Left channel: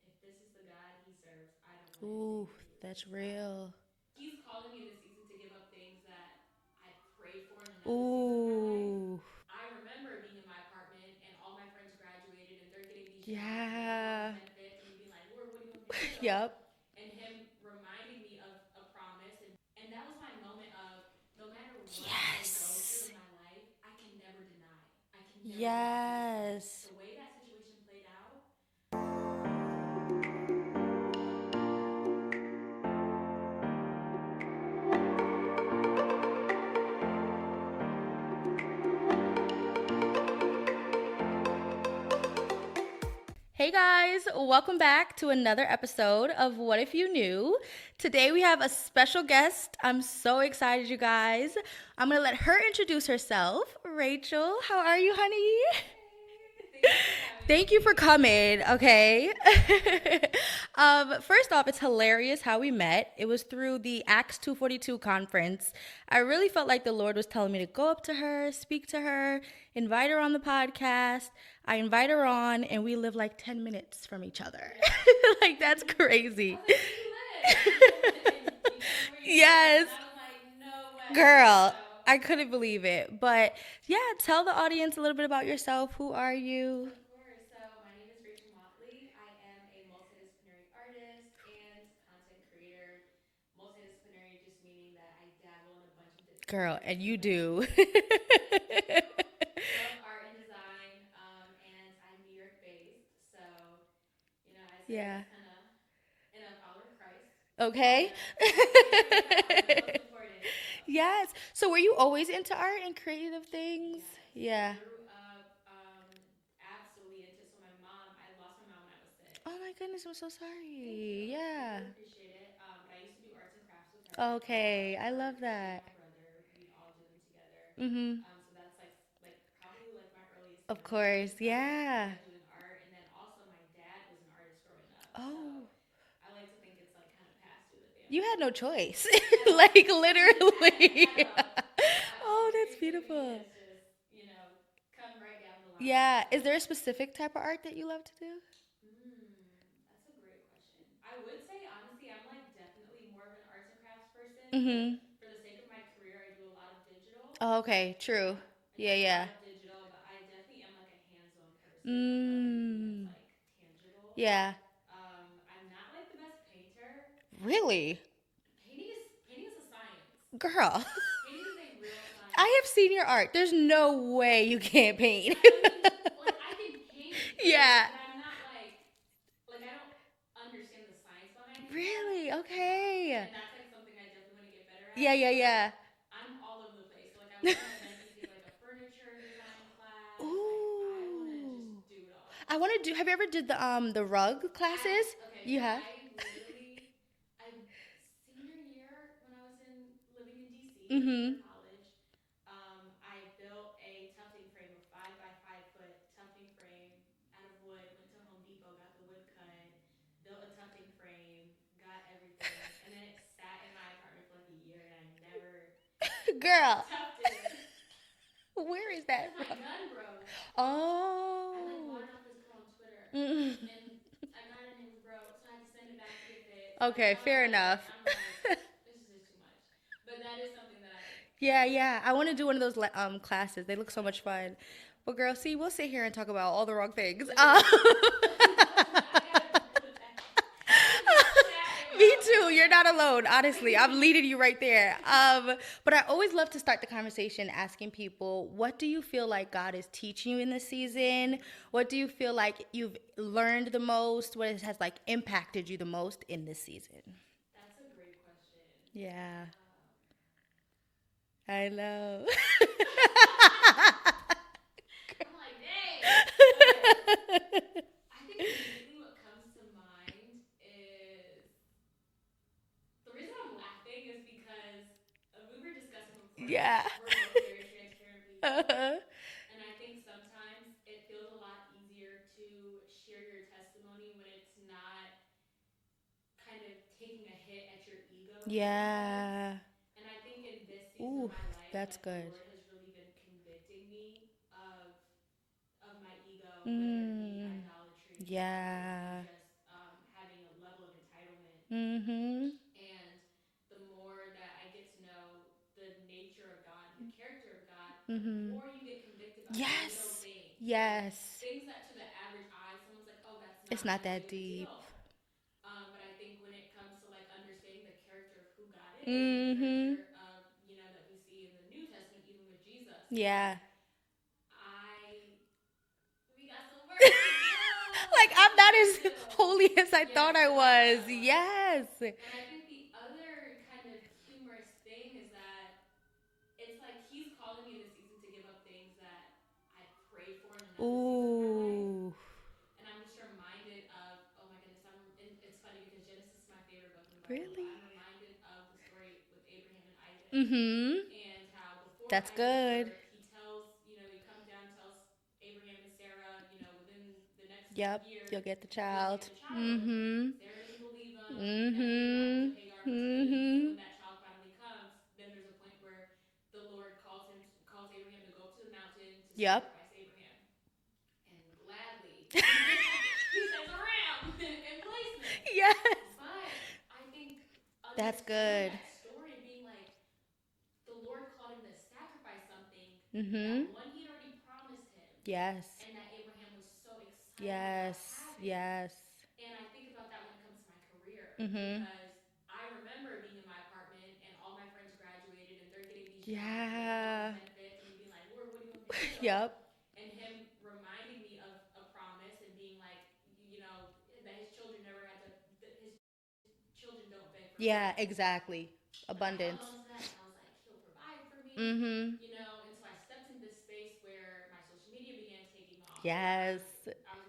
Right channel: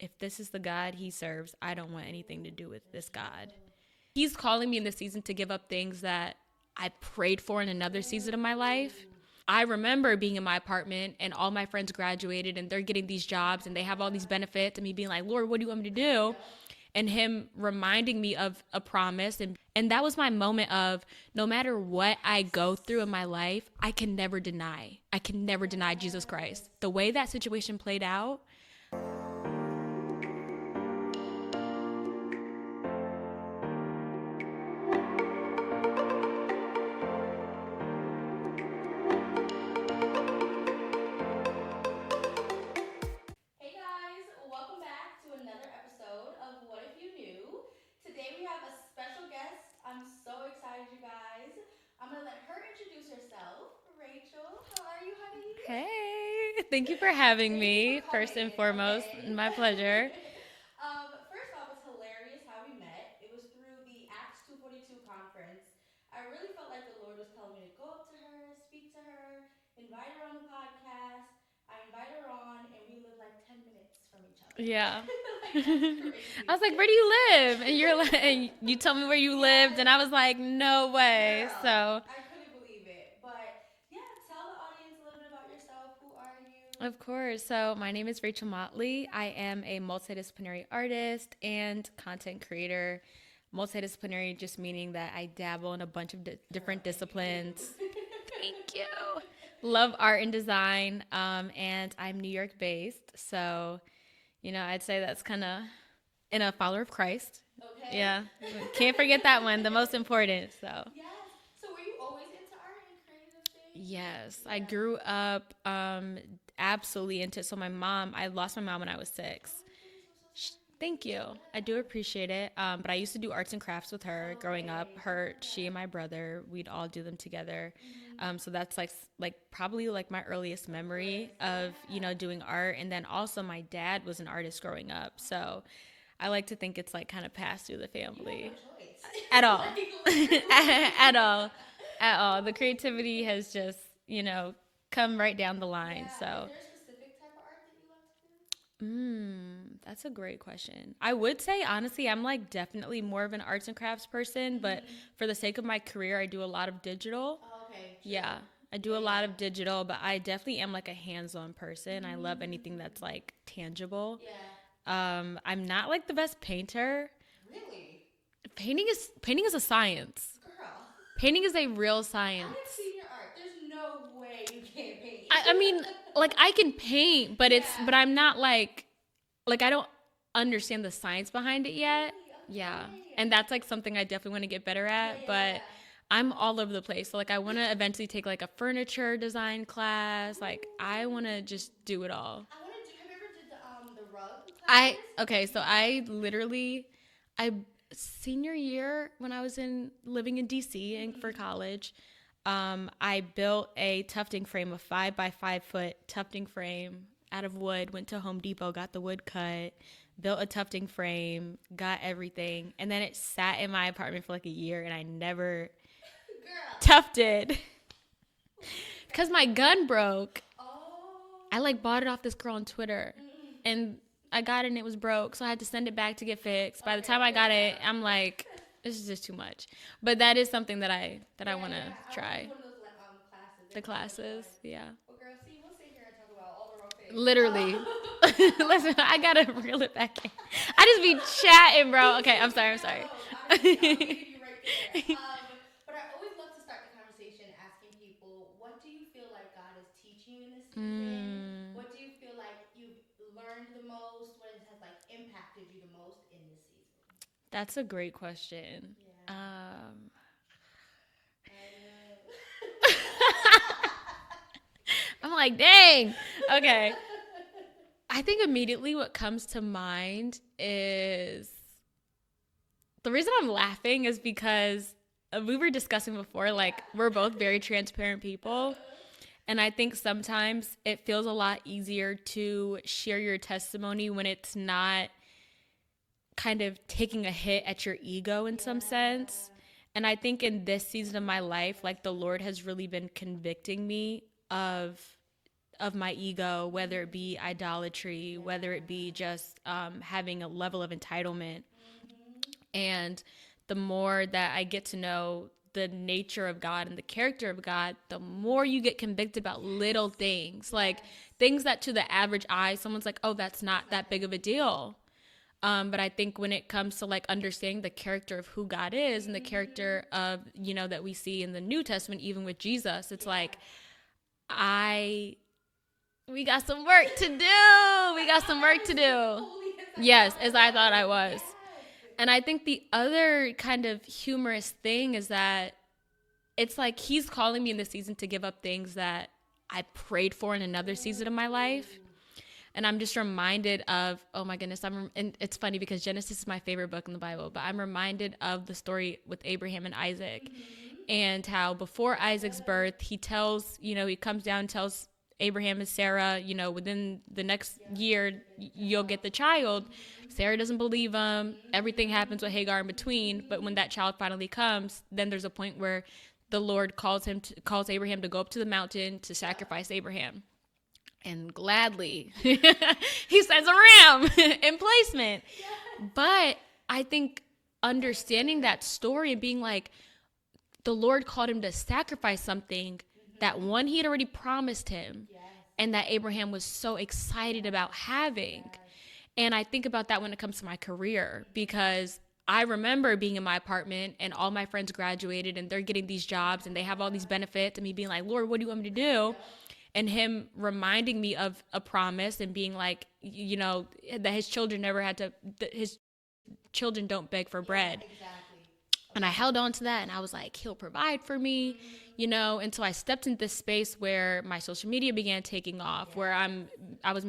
if this is the God he serves, I don't want anything to do with this God. Real. He's calling me in this season to give up things that I prayed for in another season of my life. I remember being in my apartment and all my friends graduated and they're getting these jobs and they have all these benefits, and me being like, Lord, what do you want me to do? Yep. And him reminding me of a promise. And that was my moment of, no matter what I go through in my life, I can never deny. I can never deny Jesus Christ. The way that situation played out. Hey guys, welcome back to another episode of What If You Knew. Today we have a special guest. I'm so excited, you guys. I'm going to let her introduce herself. Rachel, how are you, honey? Hey, thank you for having me. Thank you for coming, okay? My pleasure. First off, it's hilarious how we met. It was through the Acts 242 conference. I really felt like the Lord was telling me to go up to her, speak to her, invite her on the podcast. I invite her on, and we live like 10 minutes from each other. Yeah. Like, that's crazy. I was like, where do you live? And you're like, and you told me where you lived, and I was like, no way. Girl, so I couldn't believe it. But yeah, tell the audience a little bit about yourself. Who are you? Of course. So my name is Rachel Motley. I am a multidisciplinary artist and content creator. Multidisciplinary just meaning that I dabble in a bunch of different disciplines. And you do. Thank you. Love art and design, and I'm New York based, so I'd say that's kind of in a follower of Christ. Okay. Yeah, can't forget that one, the most important. So yes. So were you always into art and creative things? Yes. Yeah. I grew up absolutely into it. So I lost my mom when I was 6. Oh my goodness, I'm so sorry. Thank you. Yeah. I do appreciate it. But I used to do arts and crafts with her growing Okay, up. I love She and that. my brother, we'd all do them together. Mm-hmm. So that's like probably like my earliest Of memories course, yeah. of doing art. And then also my dad was an artist growing up. Oh. So I like to think it's like kind of passed through the family. You had no choice. At all. Like literally. At all. Oh, the that's creativity beautiful. has just, come right down the line. Yeah. So. Is there a specific type of art that you love to do? That's a great question. I would say, honestly, I'm like definitely more of an arts and crafts person, but for the sake of my career, I do a lot of digital. Oh, okay. True. Yeah, I do a lot of digital, but I definitely am like a hands-on person. I love anything that's like tangible. Yeah. I'm not like the best painter. Really? Painting is a science. Girl. Painting is a real science. I have seen your art. There's no way you can't paint. I mean, like I can paint, but Yeah. but I'm not like I don't understand the science behind it yet. Really? Okay. Yeah. And that's like something I definitely want to get better at. Yeah. I'm all over the place. So like I want to eventually take like a furniture design class. Ooh. Like I want to just do it all. I want to do. Have you ever did the rug classes? I literally senior year when I was living in DC for college, I built a tufting frame, a 5x5 foot tufting frame out of wood. Went to Home Depot, got the wood cut, built a tufting frame, got everything, and then it sat in my apartment for like a year, and I never tufted. Where is that? Because my gun broke. Oh. I like bought it off this girl on Twitter, and I got it and it was broke, so I had to send it back to get fixed. By the time I got it, I'm like, this is just too much. But that is something that I want to do one of those classes. They look so much fun. Yeah. Well, girl, see, we'll sit here and talk about all the wrong things. Literally. Listen, I gotta reel it back in. I just be chatting, bro. Me Okay, too. I'm sorry, You're not I'm sorry. alone. Honestly, I'm leading you right there. But I always love to start the conversation asking people, what do you feel like God is teaching you in this season? What do you feel like you've learned the most? What has like impacted you the most in this season? That's a great question. Yeah. I know. I'm like, dang. Okay. I think immediately what comes to mind is the reason I'm laughing is because we were discussing before, like we're both very transparent people. And I think sometimes it feels a lot easier to share your testimony when it's not kind of taking a hit at your ego in some sense. And I think in this season of my life, like the Lord has really been convicting me of of my ego, whether it be idolatry, whether it be just having a level of entitlement. And the more that I get to know the nature of God and the character of God, the more you get convicted about little things, like things that to the average eye, someone's like, oh, that's not that big of a deal. But I think when it comes to like understanding the character of who God is and the character of, you know, that we see in the New Testament, even with Jesus, it's like, we got some work to do. We got some work to do. Holy as I thought I was. Yes. And I think the other kind of humorous thing is that it's like he's calling me in this season to give up things that I prayed for in another season of my life. And I'm just reminded of, oh my goodness, and it's funny because Genesis is my favorite book in the Bible, but I'm reminded of the story with Abraham and Isaac and how before Isaac's birth, he tells, you know, he comes down and tells Abraham and Sarah, you know, within the next year, you'll get the child. Sarah doesn't believe him. Everything happens with Hagar in between. But when that child finally comes, then there's a point where the Lord calls Abraham to go up to the mountain to sacrifice Abraham. And gladly, he sends a ram in placement. Yes. But I think understanding that story and being like, the Lord called him to sacrifice something that one, he had already promised him. Yes. And that Abraham was so excited about having. Yes. And I think about that when it comes to my career because I remember being in my apartment and all my friends graduated and they're getting these jobs and they have all these benefits and me being like, Lord, what do you want me to do? And him reminding me of a promise and being like, you know, that his children his children don't beg for bread. Exactly. And I held on to that and I was like, he'll provide for me, you know? And so I stepped into this space where my social media began taking off, where I was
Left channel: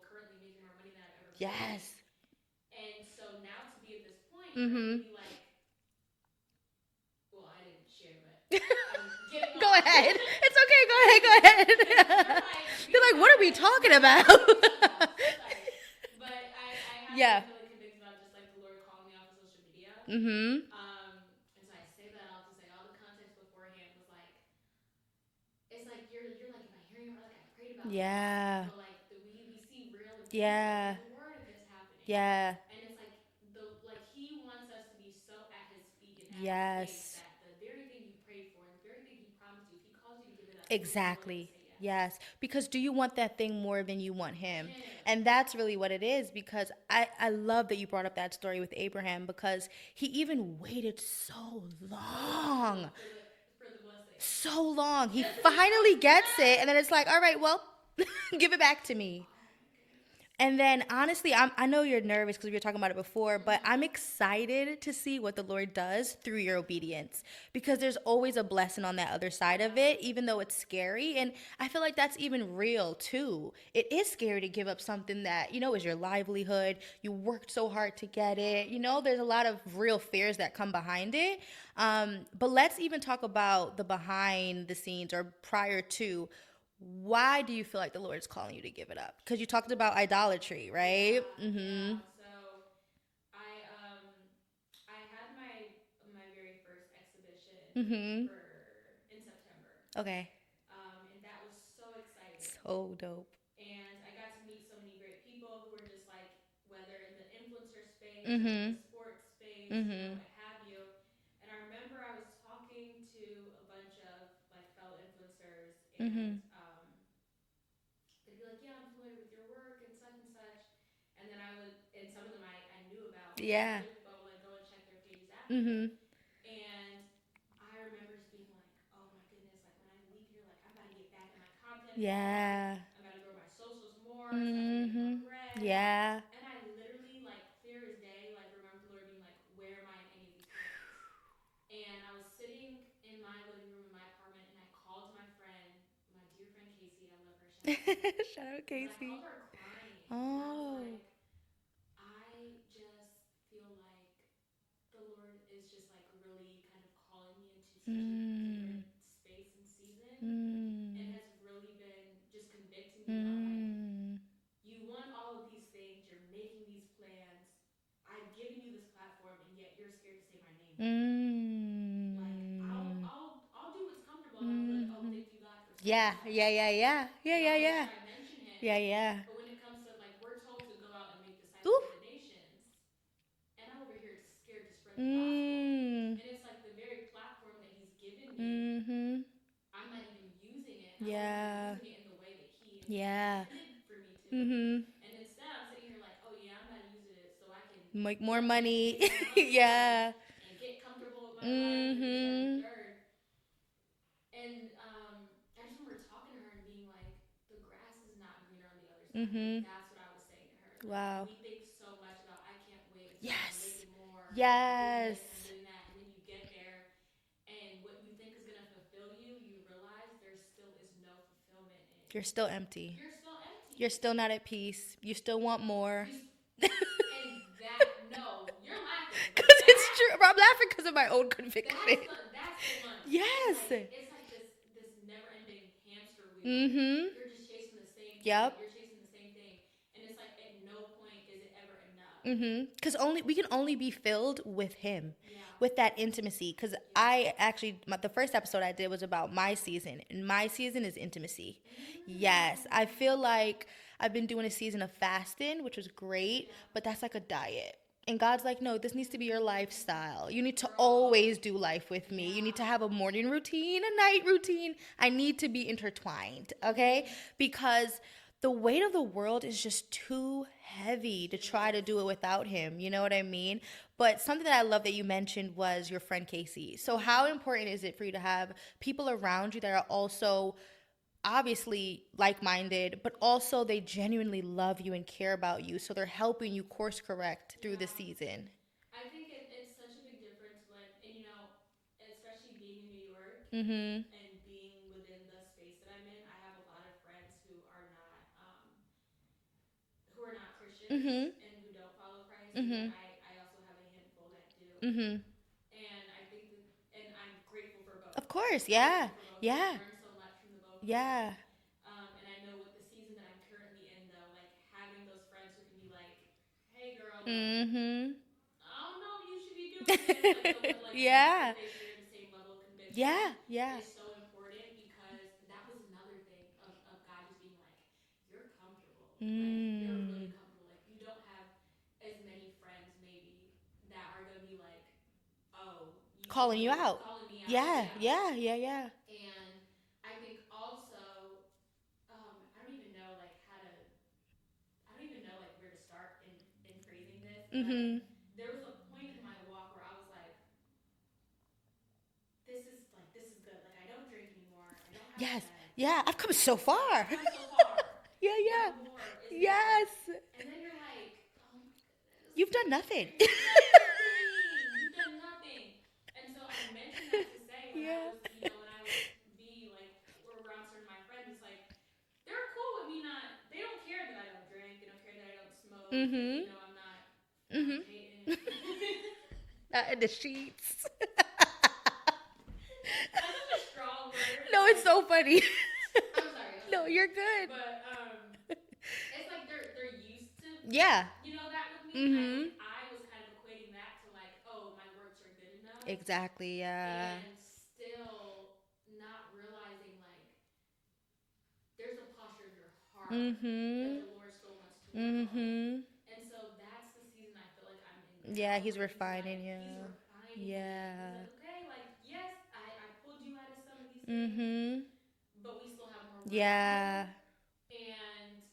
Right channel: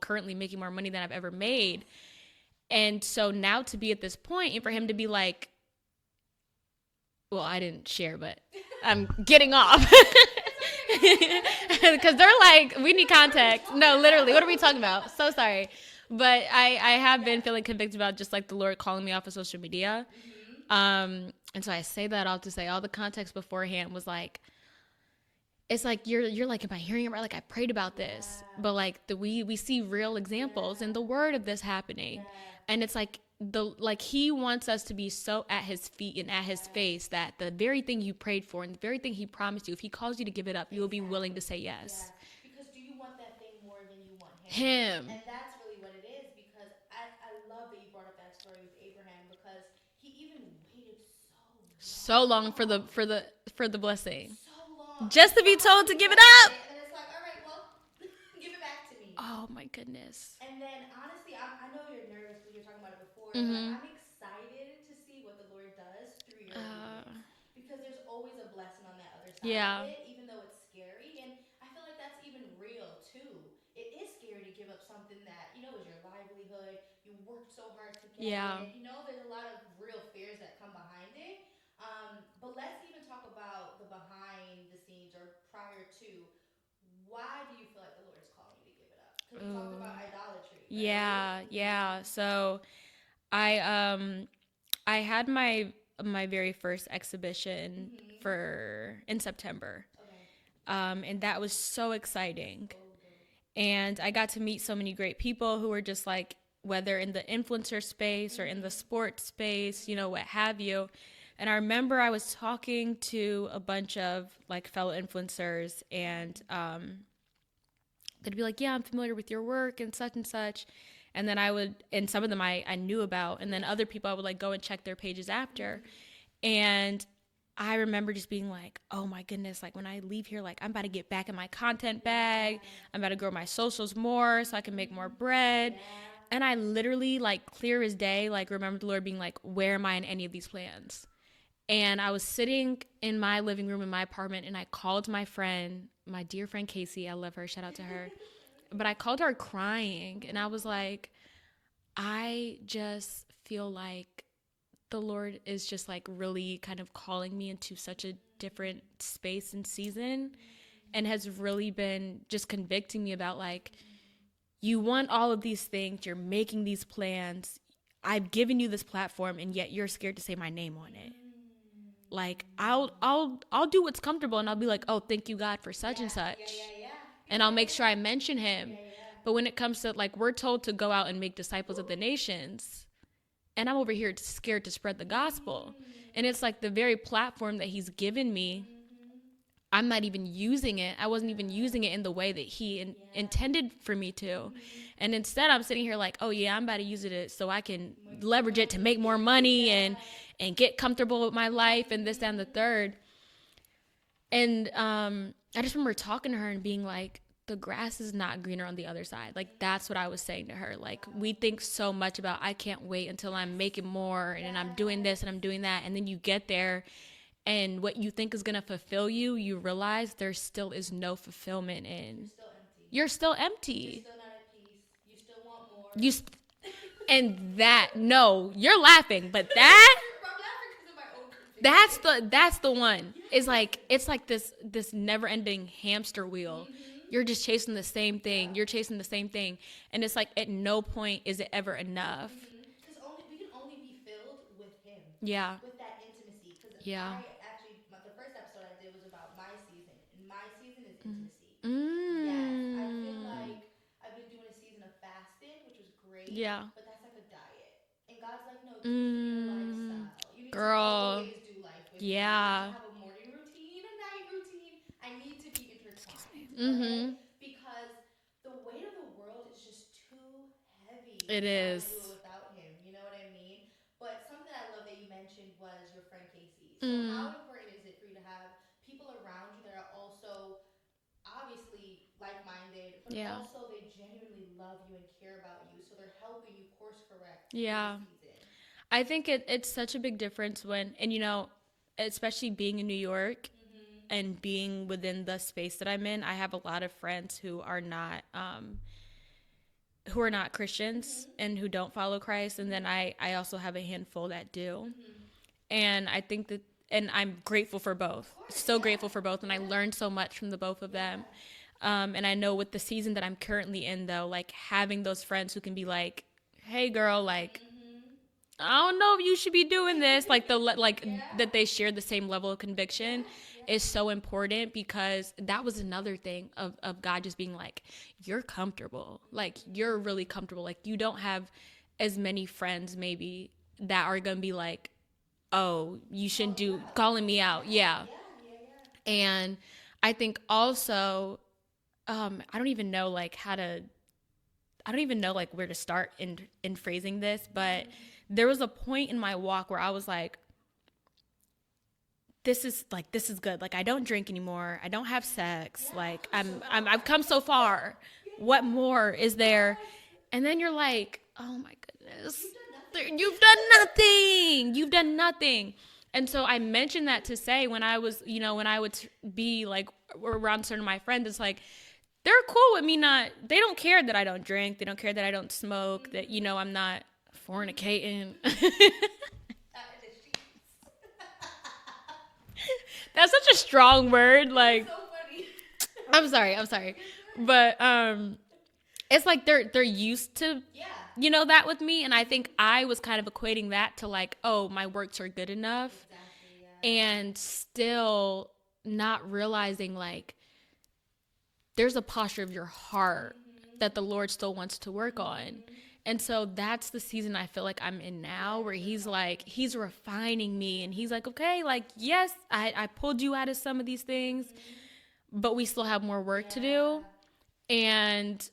currently making more money than I've ever made. And so now to be at this point and for him to be like, well, I didn't share, but I'm getting off. It's okay. Go ahead. Because they're like, we need context. Literally, what are we talking about? So sorry. But I have been feeling convicted about just like the Lord calling me off of social media. And so I say that all to say all the context beforehand was like, it's like you're like, am I hearing it right? Like I prayed about this, but like we see real examples in the word of this happening. And it's like he wants us to be so at his feet and at his face that the very thing you prayed for and the very thing he promised you, if he calls you to give it up, you will be willing to say yes. Yes. Because do you want that thing more than you want him? And that's really what it is, because I love that you brought up that story with Abraham, because he even waited so long for the blessing. So long. Just to be told to give it up. And then it's like, all right, well, give it back to me. Oh my goodness. And then honestly, I know you're nervous because we were talking about it before, but I'm excited to see what the Lord does through your obedience, because there's always a blessing on that other side of it, even though it's scary. And I feel like that's even real too. It is scary to give up something that, you know, is your livelihood. You worked so hard to get it. You know, there's a lot of real fears that come behind it. But let's even talk about the behind the scenes or prior to. Why do you feel like the Lord is calling you to give it up? Because you talked about idolatry, right? Yeah. So I had my very first exhibition in September. Okay. And that was so exciting. So dope. And I got to meet so many great people who were just like, whether in the influencer space or in the sports space, you know, what have you. And I remember I was talking to a bunch of like fellow influencers and they'd be like, yeah, I'm familiar with your work and such. And then and some of them I knew about. And then other people I would like go and check their pages after. And I remember just being like, oh my goodness, like when I leave here, like I'm about to get back in my content bag. I'm about to grow my socials more so I can make more bread. And I literally like clear as day, like remember the Lord being like, where am I in any of these plans? And I was sitting in my living room in my apartment and I called my friend, my dear friend Casey. I love her. Shout out to her. Shout out, Casey. But I called her crying and I was like, I just feel like the Lord is just like really kind of calling me into such a different space and season and has really been just convicting me about like, you want all of these things, you're making these plans. I've given you this platform and yet you're scared to say my name on it. Like I'll do what's comfortable and I'll be like, oh, thank you God for such and such. And I'll make sure I mention him. But when it comes to like, we're told to go out and make disciples of the nations, and I'm over here scared to spread the gospel. And it's like the very platform that he's given me, I'm not even using it. I wasn't even using it in the way that he intended for me to. And instead I'm sitting here like, oh yeah, I'm about to use it so I can leverage it to make more money and get comfortable with my life and this, that, and the third. And I just remember talking to her and being like, the grass is not greener on the other side. Like, that's what I was saying to her. Like, we think so much about, I can't wait until I'm making more and I'm doing this and I'm doing that. And then you get there and what you think is going to fulfill you, you realize there still is no fulfillment in. You're still empty. You're still empty. You're still not at peace. You still want more. And that, no, you're laughing, but that I'm laughing because of my own conviction. That's the one. Yes. It's like this never-ending hamster wheel. You're just chasing the same thing. You're chasing the same thing, and it's like at no point is it ever enough. Because we can only be filled with him. With that intimacy. Because I actually, the first episode I did was about my season, and my season is intimacy. Yes, I feel like I've been doing a season of fasting, which was great, but that's like a diet. And God's like, no, this needs to be your lifestyle. You need to always do life with me. You need to have a morning routine, a night routine. I need to be intertwined, okay? Because the weight of the world is just too heavy to try to do it without him. You know what I mean? But something that I love that you mentioned was your friend Casey. So how important is it for you to have people around you that are also obviously like-minded, but also they genuinely love you and care about you, so they're helping you course correct through the season? I think it's such a big difference when, and you know, especially being in New York and being within the space that I'm in, I have a lot of friends who are not Christians and who don't follow Christ, and then I also have a handful that do, and I think that. And I'm grateful for both. Of course, so grateful for both. And I learned so much from the both of them. And I know with the season that I'm currently in, though, like having those friends who can be like, "Hey, girl, like, I don't know if you should be doing this." Like that they share the same level of conviction is so important, because that was another thing of God just being like, "You're comfortable. Like you're really comfortable. Like you don't have as many friends maybe that are gonna be like, oh, you should calling me out. Yeah. And I think also, I don't even know like where to start in phrasing this, but there was a point in my walk where I was like, this is good. Like I don't drink anymore. I don't have sex. Yeah, like, I've come so far. I've come so far. What more is there? And then you're like, oh my goodness. You've done nothing. You've done nothing. And so I mentioned that to say when I was, when I would be like around certain of my friends, it's like, they're cool with me they don't care that I don't drink. They don't care that I don't smoke, that, I'm not fornicating. Not in the sheets. That's such a strong word. No, like, it's so funny. I'm sorry. No, you're good. But, it's like they're used to that with me, and I think I was kind of equating that to like, oh, my works are good enough. Exactly, and still not realizing like there's a posture of your heart that the Lord still wants to work on. And so that's the season I feel like I'm in now, where he's like, he's refining me, and he's like, okay, like, yes, I pulled you out of some of these things, but we still have more work to do. And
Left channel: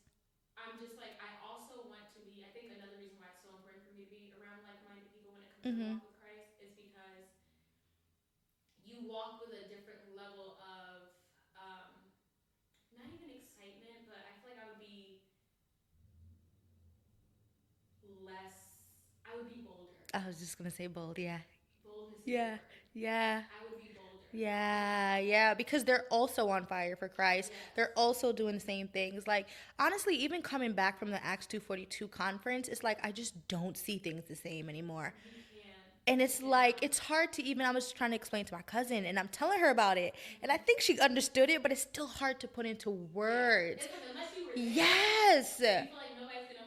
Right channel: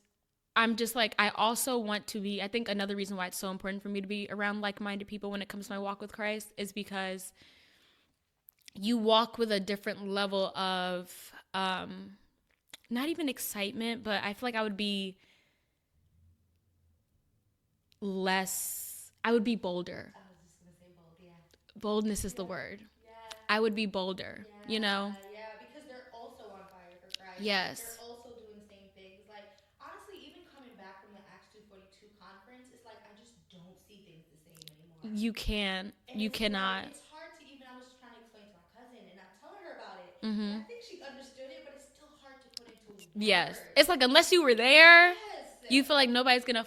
I'm just like, I also want to be, I think another reason why it's so important for me to be around like-minded people when it comes to my walk with Christ is because you walk with a different level of, not even excitement, but I feel like I would be bolder. I was just going to say bold, Boldness is the word. Yeah. I would be bolder. Yeah. Yeah. Because they're also on fire for Christ. Yes. They're also doing the same things. Like, honestly, even coming back from the Acts 2:42 conference, it's like, I just don't see things the same anymore. You can. And it's like, it's hard to even, I was trying to explain to my cousin, and I'm telling her about it. And I think she understood it, but it's still hard to put into words. Yes. It's like, unless you were there, you feel like nobody's going to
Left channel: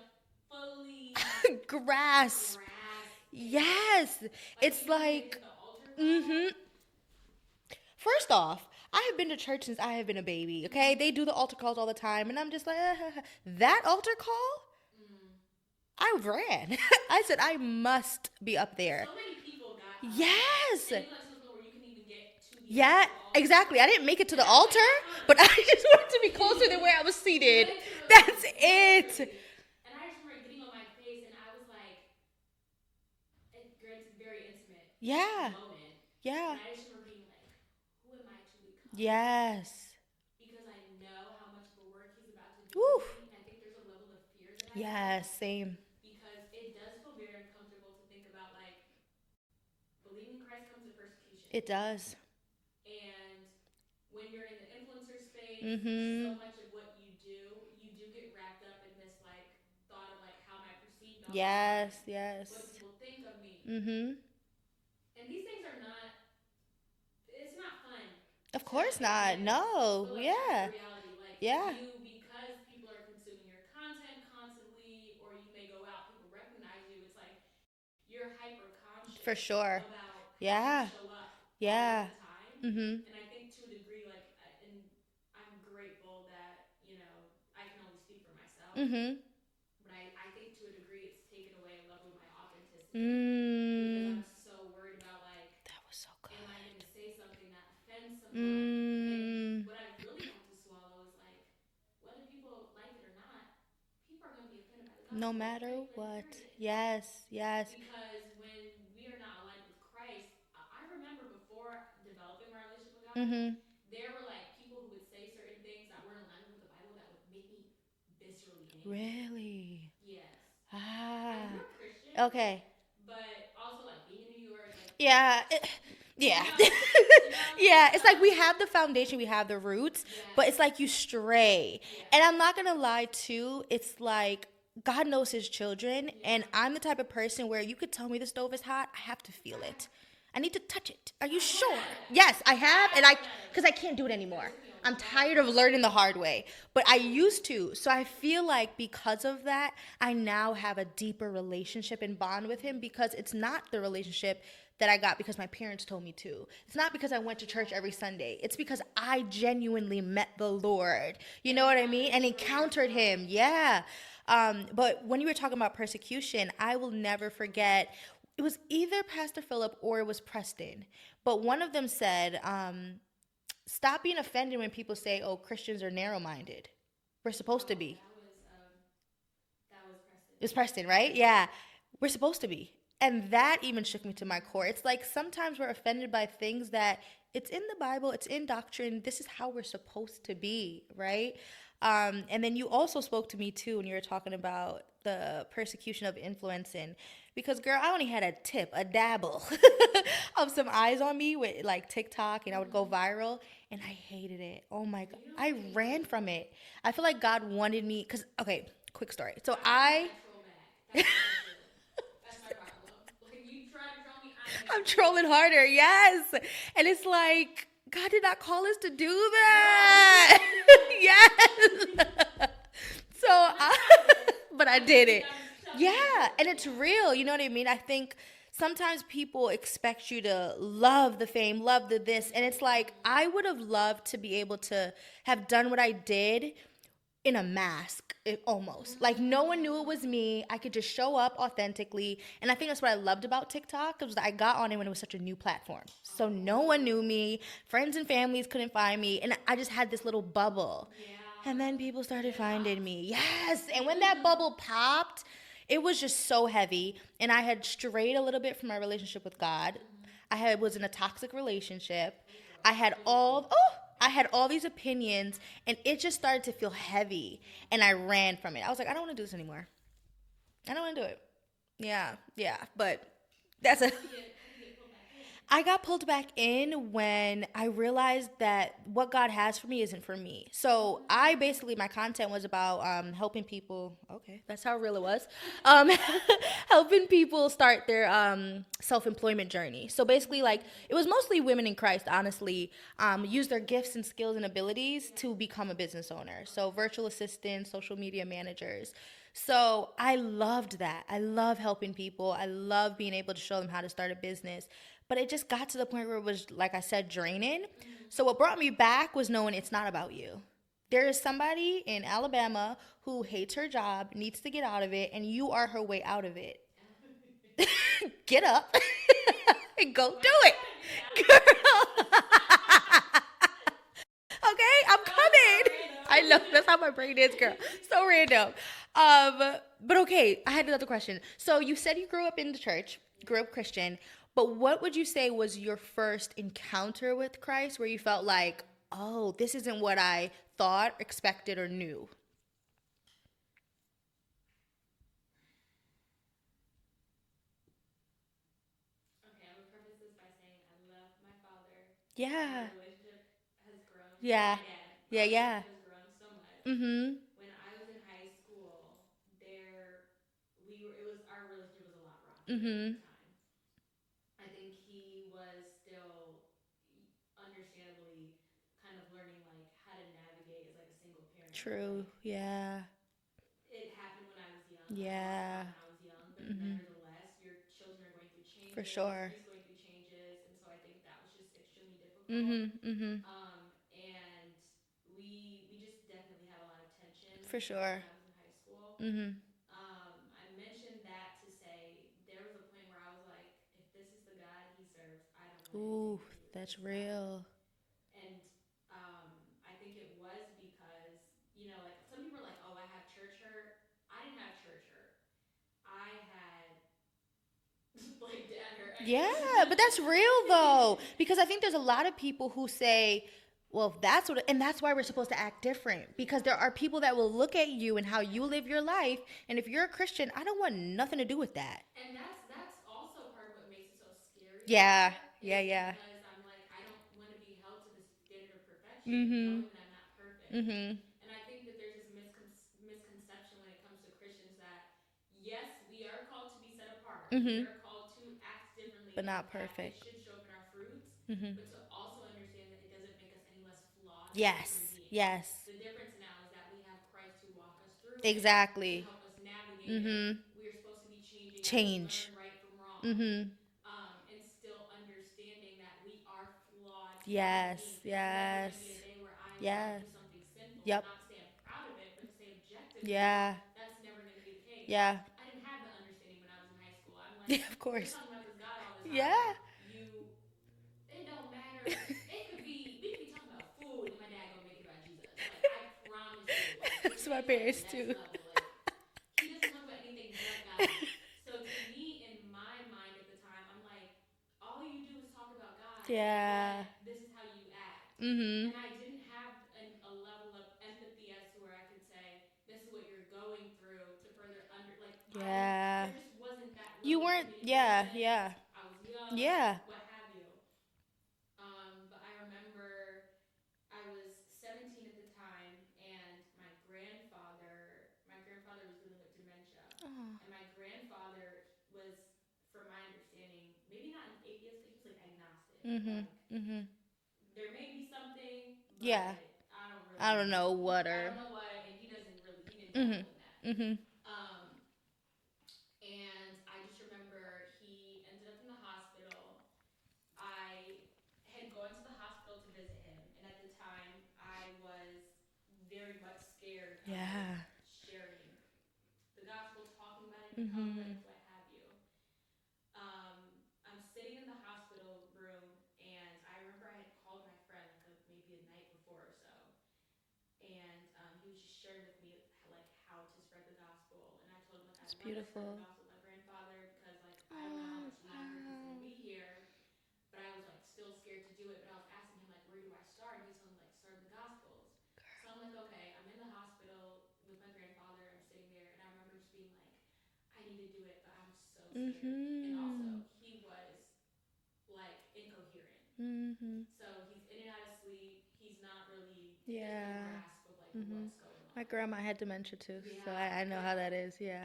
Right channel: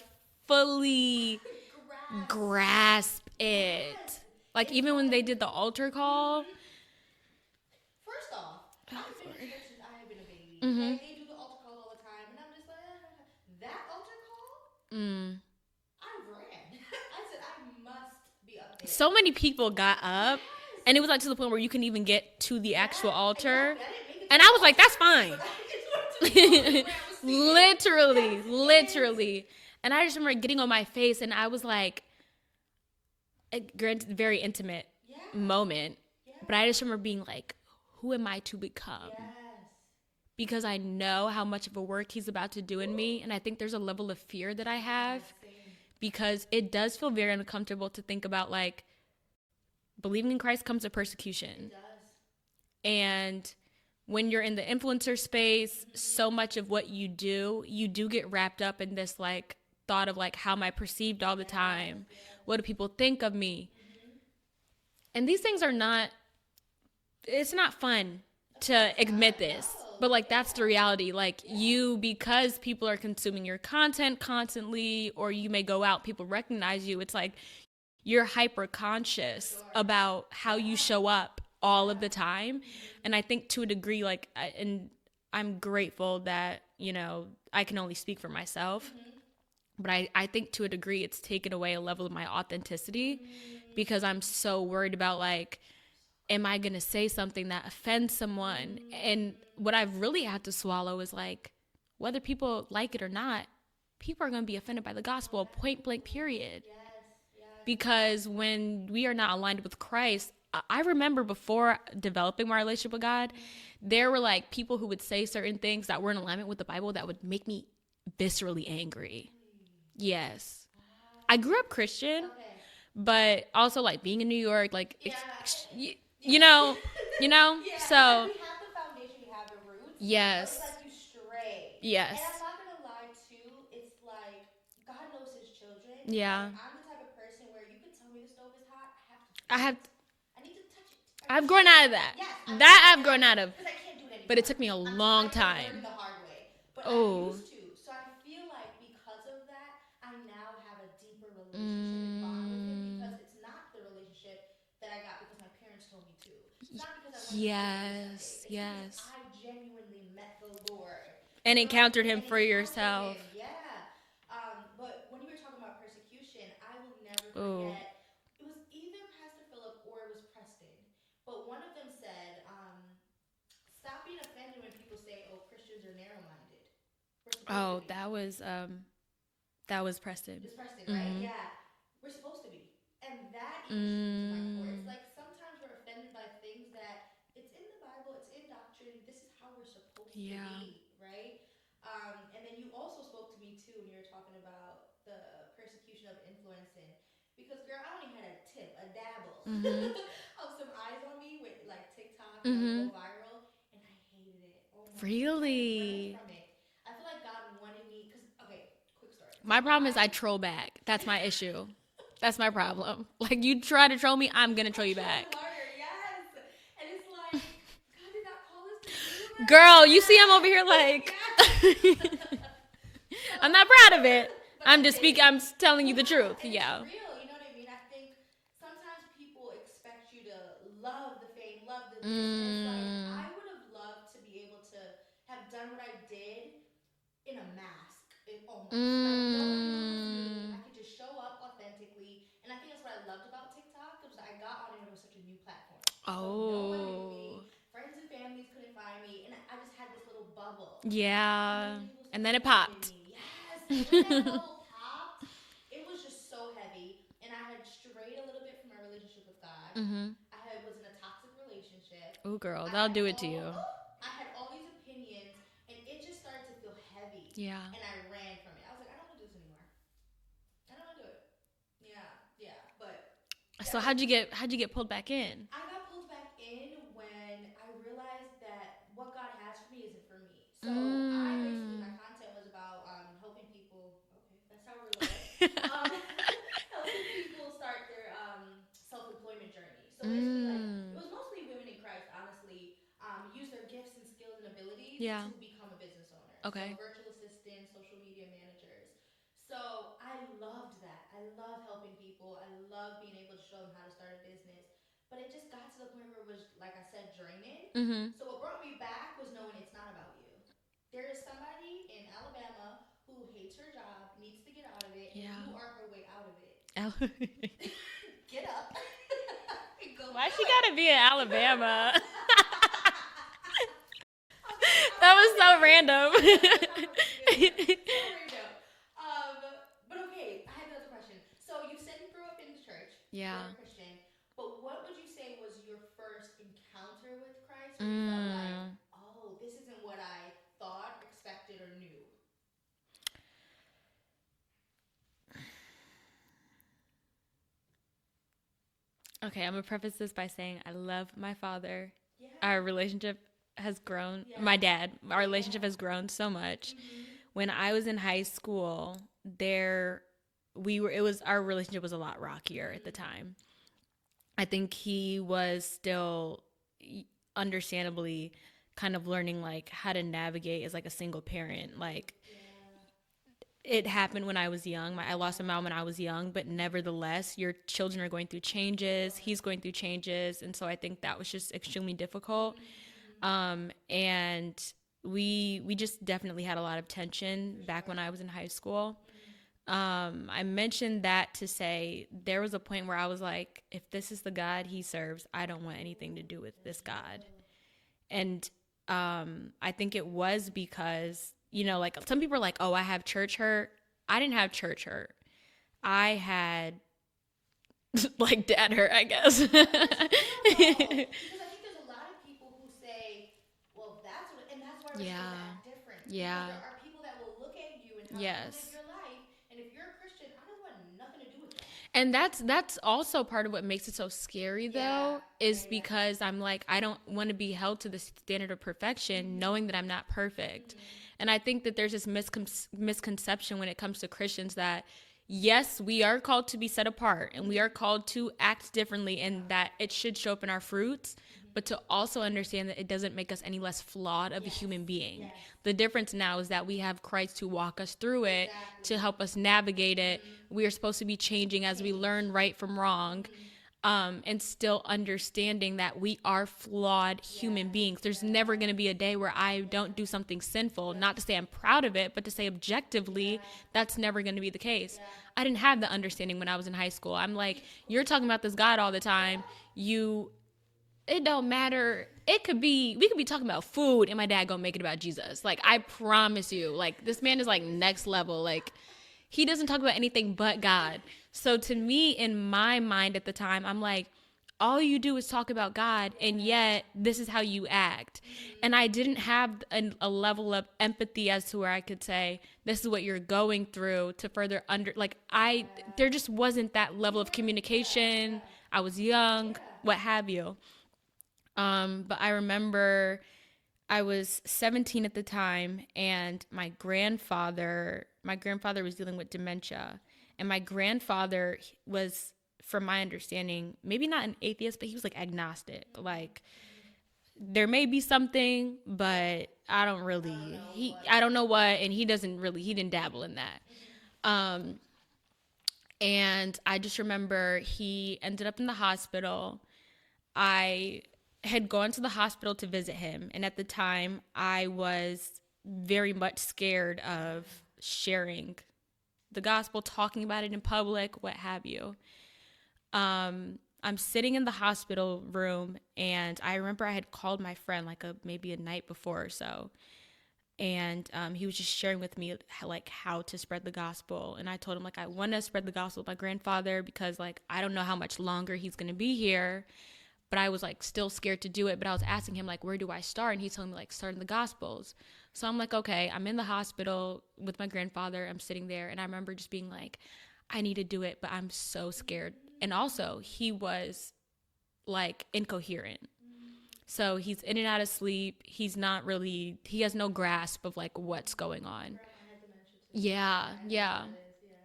fully grasp it. Yes. Like, it's even when they did the altar call. Mm-hmm. First off, I have been to church since I have been a baby, okay? They do the altar calls all the time, and I'm just like, that altar call? I ran. I said, I must be up there. So many people got up. Yes. And it was like to the point where you couldn't even get to the actual altar. Exactly. I didn't make it to the altar. altar. And I was like, that's fine. But I just wanted to be closer to where I was seated. Literally. It. And I just remember getting on my face, and I was like, granted, very intimate moment. Yeah. But I just remember being like, who am I to become? Yes. Because I know how much of a work he's about to do in me. And I think there's a level of fear that I have. Yes, same. Because it does feel very uncomfortable to think about, like, believing in Christ comes with persecution. It does. And when you're in the influencer space, so much of what you do get wrapped up in this, like, thought of, like, how am I perceived all the time? Yes. What do people think of me? And these things are not, it's not fun to admit this. No. But, like, that's the reality. Like, you, because people are consuming your content constantly, or you may go out, people recognize you, it's like you're hyper conscious about how you show up all of the time. And I think to a degree, like, and I'm grateful that, you know, I can only speak for myself. But I think to a degree it's taken away a level of my authenticity because I'm so worried about, like, am I going to say something that offends someone? And what I've really had to swallow is, like, whether people like it or not, people are going to be offended by the gospel, point blank, period. Yes. Because when we are not aligned with Christ, I remember before developing my relationship with God, there were, like, people who would say certain things that were in alignment with the Bible that would make me viscerally angry. Really? Yes. I grew up Christian. Okay. But also, like, being in New York, like, you know, yeah. So, it's like we have the foundation, we have the roots. Yes. But it's like you stray. Yes. And I'm not gonna lie too. It's like God knows His children. Yeah. And I'm the type of person where you could tell me the stove is hot, I have to feel it. I need to touch it. I've grown out of that. Yes, I've grown out of. Because I can't do it anymore. But it took me a long time. I'm tired of learning the hard way. But I used to. So I feel like because of that, I now have a deeper relationship and bond with Him, because it's not the relationship that I got because my parents told me to. It's not because I went to church every Sunday. It's because I genuinely met the Lord. You know encountered what I mean? Him for yourself. Him. Yeah. But when you were talking about persecution, I will never forget. It was either Pastor Philip or it was Preston. But one of them said, stop being offended when people say, oh, Christians are narrow-minded. We're supposed to be. That was Preston. It was Preston, right? Yeah. We're supposed to be. And that even shook me to my core. It's like sometimes we're offended by things that it's in the Bible, it's in doctrine. This is how we're supposed to be, right? And then you also spoke to me, too, when you were talking about the persecution of influencing. Because, girl, I only had a dabble of some eyes on me with, like, TikTok, and I would go viral, and I hated it. Oh, my God. I ran from it. I feel like God wanted me, because, okay, quick story. So my problem is I troll back. That's my issue. That's my problem. Like, you try to troll me, I'm going to troll you back. I'm trolling harder, yes. And it's like, God did not call us to do that. Girl, you see I'm over here like, yes. So I'm not proud of it, but I'm telling you the truth. And it's real. You know what I mean? I think sometimes people expect you to love the fame, love the this. And it's like, I would have loved to be able to have done what I did in a mask, almost. Like, no one knew it was me. I could just show up authentically. And I think that's what I loved about TikTok. It was that I got on it when it was such a new platform. So no one knew me. Friends and families couldn't find me. And I just had this little bubble. Yeah. And then people started finding me. Yes. And when that bubble popped, it was just so heavy. And I had strayed a little bit from my relationship with God. I was in a toxic relationship. Oh, girl. I'll do it to you. I had all these opinions, and it just started to feel heavy. Yeah. And I ran from it. I was like, I don't want to do this anymore. I don't want to do it. Yeah. But so how'd you get pulled back in? I got pulled back in when I realized that what God has for me isn't for me. So my content was about helping people. Okay, that's how real it was. Helping people start their self-employment journey. So basically, like, it was mostly women in Christ, honestly, use their gifts and skills and abilities to become a business owner. Okay. So virtual assistants, social media managers. So I loved that. I love helping people. I love being able to show them how to start a business. But it just got to the point where it was, like I said, draining. So what brought me back was knowing it's not about you. There is somebody in Alabama who hates her job, needs to get out of it, and you are her way out of it. Get up and go Why do you it. gotta be in Alabama? Okay, That was so random. I know, that's how my brain is. Girl. So random. But okay, I had another question. So you said you grew up in the church, grew up Christian, but what would you say was your first encounter with Christ where you felt like, oh, this isn't what I thought, expected, or knew? Okay, I'm gonna preface this by saying I love my father. Yeah. Our relationship has grown. Yeah. My dad. Our Yeah, relationship yeah. has grown so much. Mm-hmm. When I was in high school, our relationship was a lot rockier at the time. I think he was still understandably kind of learning like how to navigate as like a single parent. True. Like Yeah. it happened when I was young. I lost my mom when I was young, but nevertheless, your children are going through changes. sure. He's going through changes, and so I think that was just extremely difficult. And we just definitely had a lot of tension back when I was in high school. I mentioned that to say there was a point where I was like, if this is the God he serves, I don't want anything to do with this God. And I think it was because, you know, like some people are like, oh, I have church hurt. I didn't have church hurt. I had like dad hurt, I guess. Yeah, but that's real though. Because I think there's a lot of people who say, well, that's what, and that's why we're supposed to act different. Because there are people that will look at you and how you live your life. And if you're a Christian, I don't want nothing to do with that. And that's also part of what makes it so scary, because I'm like, I don't want to be held to the standard of perfection, knowing that I'm not perfect. And I think that there's this misconception when it comes to Christians that, yes, we are called to be set apart and we are called to act differently, but and that it should show up in our fruits, but to also understand that it doesn't make us any less flawed of a human being. Yes. The difference now is that we have Christ to walk us through it, to help us navigate it. We are supposed to be changing as we learn right from wrong. And still understanding that we are flawed human beings. There's never going to be a day where I don't do something sinful. Not to say I'm proud of it, but to say objectively, that's never going to be the case. I didn't have the understanding when I was in high school. I'm like, you're talking about this God all the time. It don't matter. We could be talking about food and my dad gonna make it about Jesus. Like, I promise you, like, this man is like next level. Like, he doesn't talk about anything but God. So to me, in my mind at the time, I'm like, all you do is talk about God, and yet this is how you act. And I didn't have a level of empathy as to where I could say, this is what you're going through to further there just wasn't that level of communication. I was young, what have you. But I remember I was 17 at the time, and my grandfather was dealing with dementia. And my grandfather was, from my understanding, maybe not an atheist, but he was like agnostic. Like, there may be something, but I don't know what, and he didn't dabble in that. And I just remember he ended up in the hospital. I had gone to the hospital to visit him, and at the time I was very much scared of sharing the gospel, talking about it in public, what have you. I'm sitting in the hospital room, and I remember I had called my friend maybe a night before or so, and he was just sharing with me how to spread the gospel. And I told him I want to spread the gospel with my grandfather because I don't know how much longer he's gonna be here, but I was still scared to do it. But I was asking him where do I start, and he told me start in the gospels. So I'm okay, I'm in the hospital with my grandfather. I'm sitting there, and I remember just being I need to do it, but I'm so scared. And also, he was incoherent. So he's in and out of sleep. He's not really, he has no grasp of what's going on. My grandma had dementia too. Yeah. I know how that is. Yeah.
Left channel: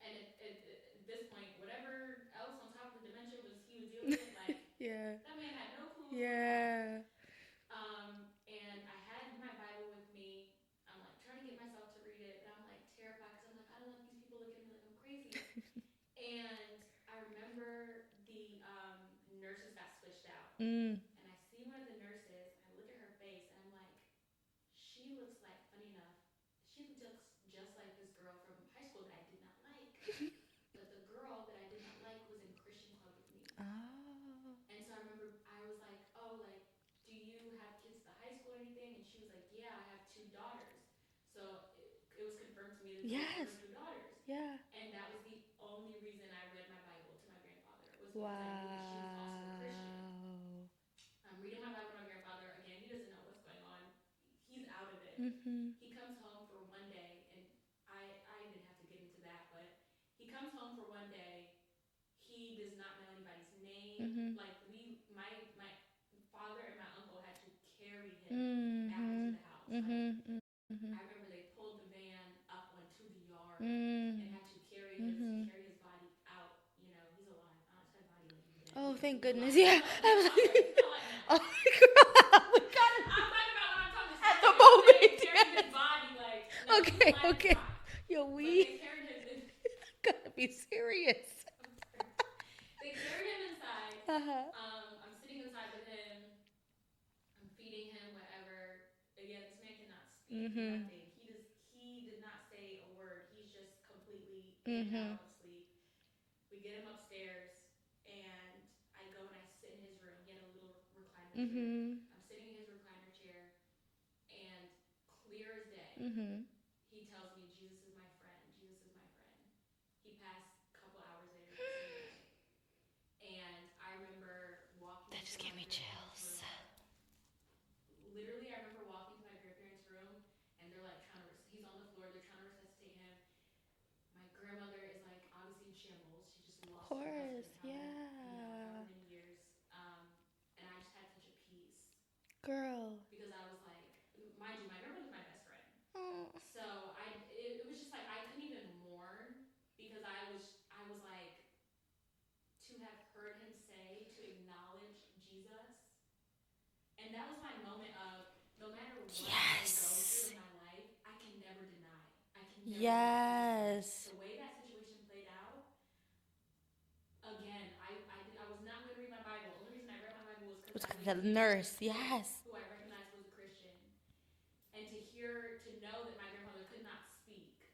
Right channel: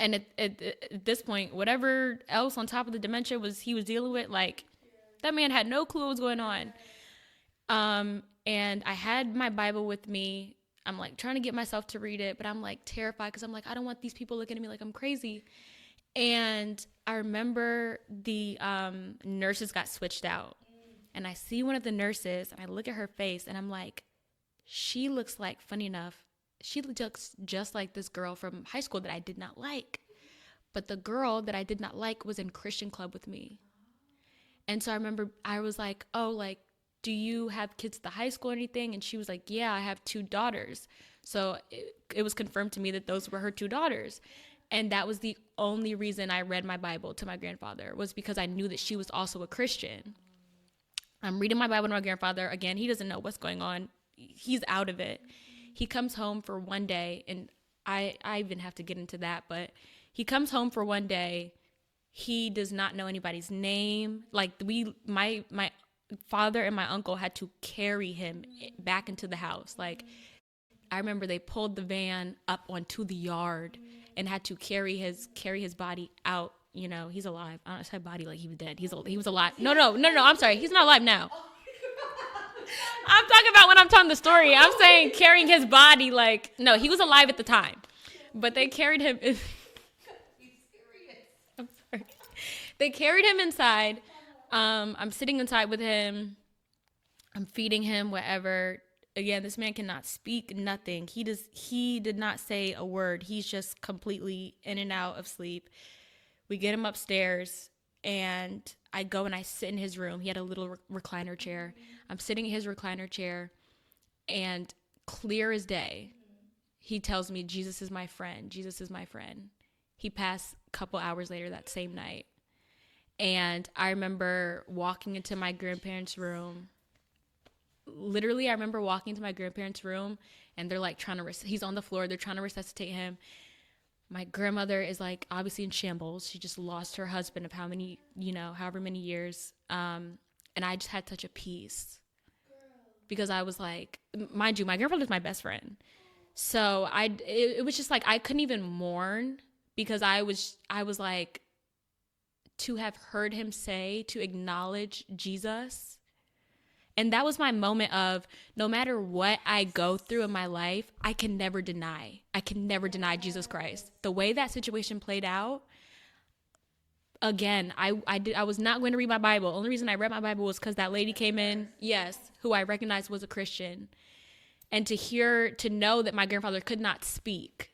And at this point, whatever else on top of the dementia he was dealing with, that man had no clue what was going on. And I had my Bible with me. I'm like trying to get myself to read it, but I'm like terrified because I'm like, I don't want these people looking at me like I'm crazy. And I remember the nurses got switched out. And I see one of the nurses and I look at her face and I'm like, she looks like, funny enough, she looks just like this girl from high school that I did not like. But the girl that I did not like was in Christian club with me. Oh. And so I remember I was like, oh, like, do you have kids at the high school or anything? And she was like, yeah, I have 2 daughters. So it was confirmed to me that those were her 2 daughters. Yeah. And that was the only reason I read my Bible to my grandfather, was because I knew that she was also a Christian. I'm reading my Bible to my grandfather. Again, he doesn't know what's going on. He's out of it. He comes home for one day, and I even have to get into that, but he comes home for one day. He does not know anybody's name. Like my father and my uncle had to carry him back into the house. Like, I remember they pulled the van up onto the yard and had to carry his body out. You know, he's alive. I don't say body like he was dead. He was alive. Yeah. No. I'm sorry. He's not alive now. I'm talking about when I'm telling the story. I'm saying carrying his body like, no, he was alive at the time. But they carried him. Gotta be serious. I'm sorry. They carried him inside. I'm sitting inside with him. I'm feeding him whatever. Again, this man cannot speak nothing. He did not say a word. He's just completely in and out of sleep. We get him upstairs, and I go and I sit in his room. He had a little recliner chair. I'm sitting in his recliner chair, and clear as day, he tells me, Jesus is my friend. Jesus is my friend. He passed a couple hours later that same night. And I remember walking into my grandparents' room. Literally, I remember walking to my grandparents' room, and they're like he's on the floor. They're trying to resuscitate him. My grandmother is like obviously in shambles. She just lost her husband of however many years. And I just had such a peace. Girl. Because I was like, mind you, my grandfather's my best friend. So it was just like, I couldn't even mourn, because I was like, to have heard him say, to acknowledge Jesus. And that was my moment of, no matter what I go through in my life, I can never deny Jesus Christ. The way that situation played out, again, I was not going to read my Bible. The only reason I read my Bible was because that lady came in, who I recognized was a Christian. And to know that my grandfather could not speak.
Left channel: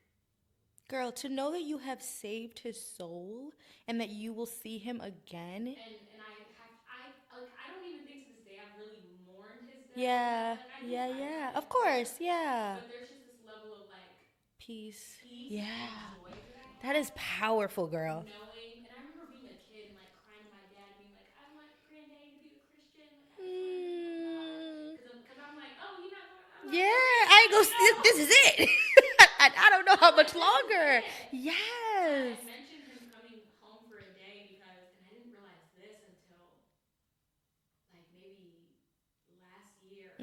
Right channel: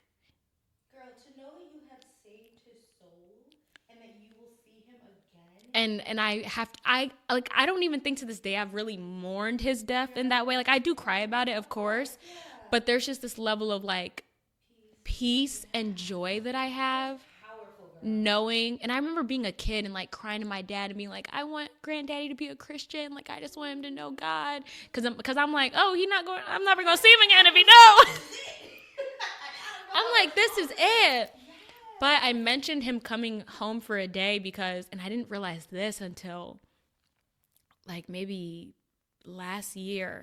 Girl, to know that you have saved his soul and that you will see him again. And I don't even think to this day I've really mourned his death in that way. Like, I do cry about it, of course. Yeah. But there's just this level of like peace and joy that I have. That is powerful, girl. Knowing, and I remember being a kid and like crying to my dad and being like, I want granddaddy to be a Christian. Like, I just want him to know God. Cause I'm like, oh, I'm never gonna see him again if he knows. This is it. I don't know how much this longer. is it. Yes. But I mentioned him coming home for a day and I didn't realize this until like maybe last year.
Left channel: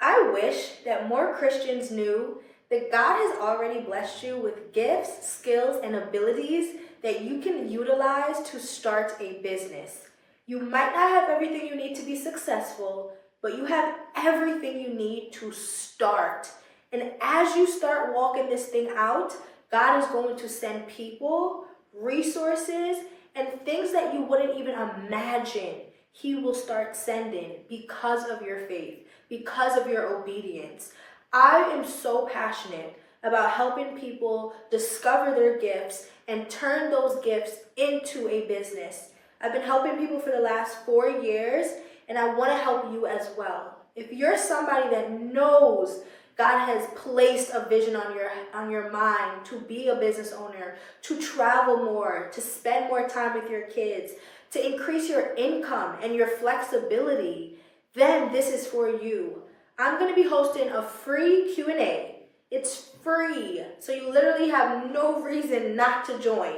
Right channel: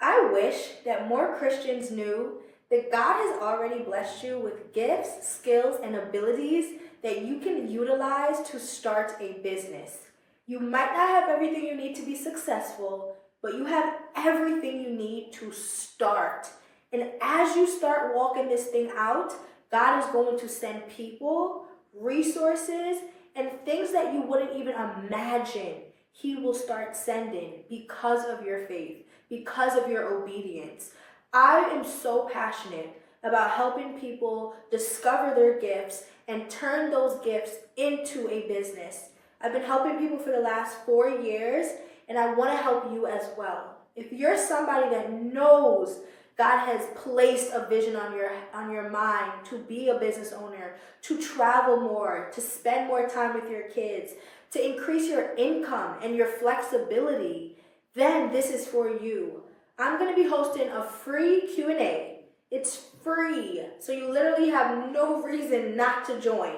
I wish that more Christians knew that God has already blessed you with gifts, skills, and abilities that you can utilize to start a business. You might not have everything you need to be successful, but you have everything you need to start. And as you start walking this thing out, God is going to send people, resources, and things that you wouldn't even imagine. He will start sending because of your faith, because of your obedience. I am so passionate about helping people discover their gifts and turn those gifts into a business. I've been helping people for the last 4 years, and I want to help you as well. If you're somebody that knows God has placed a vision on your mind to be a business owner, to travel more, to spend more time with your kids, to increase your income and your flexibility, then this is for you. I'm going to be hosting a free Q&A. It's free, so you literally have no reason not to join,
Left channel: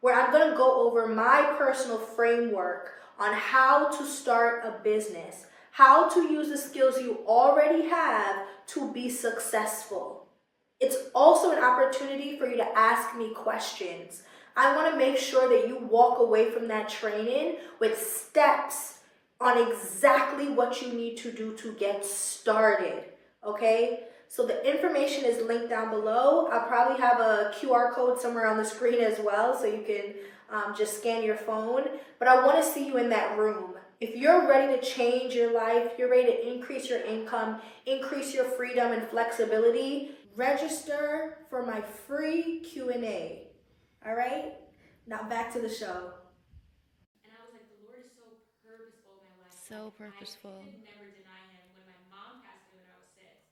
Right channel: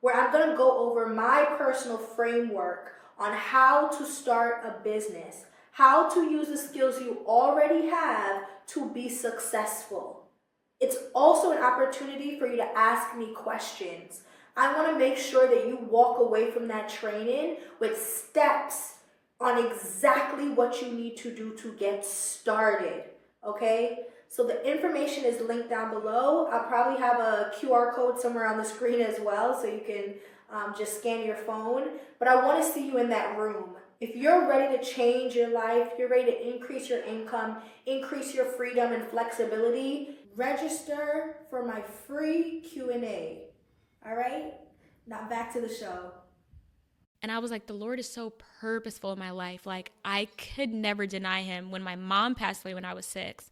where I'm going to go over my personal framework on how to start a business, how to use the skills you already have to be successful. It's also an opportunity for you to ask me questions. I want to make sure that you walk away from that training with steps on exactly what you need to do to get started, okay? So the information is linked down below. I'll probably have a QR code somewhere on the screen as well, so you can just scan your phone. But I want to see you in that room. If you're ready to change your life, you're ready to increase your income, increase your freedom and flexibility, register for my free Q&A. All right? Now back to the show. And I was like, the Lord is so purposeful in my life. So like, purposeful. I could never deny him. When my mom passed away when I was 6,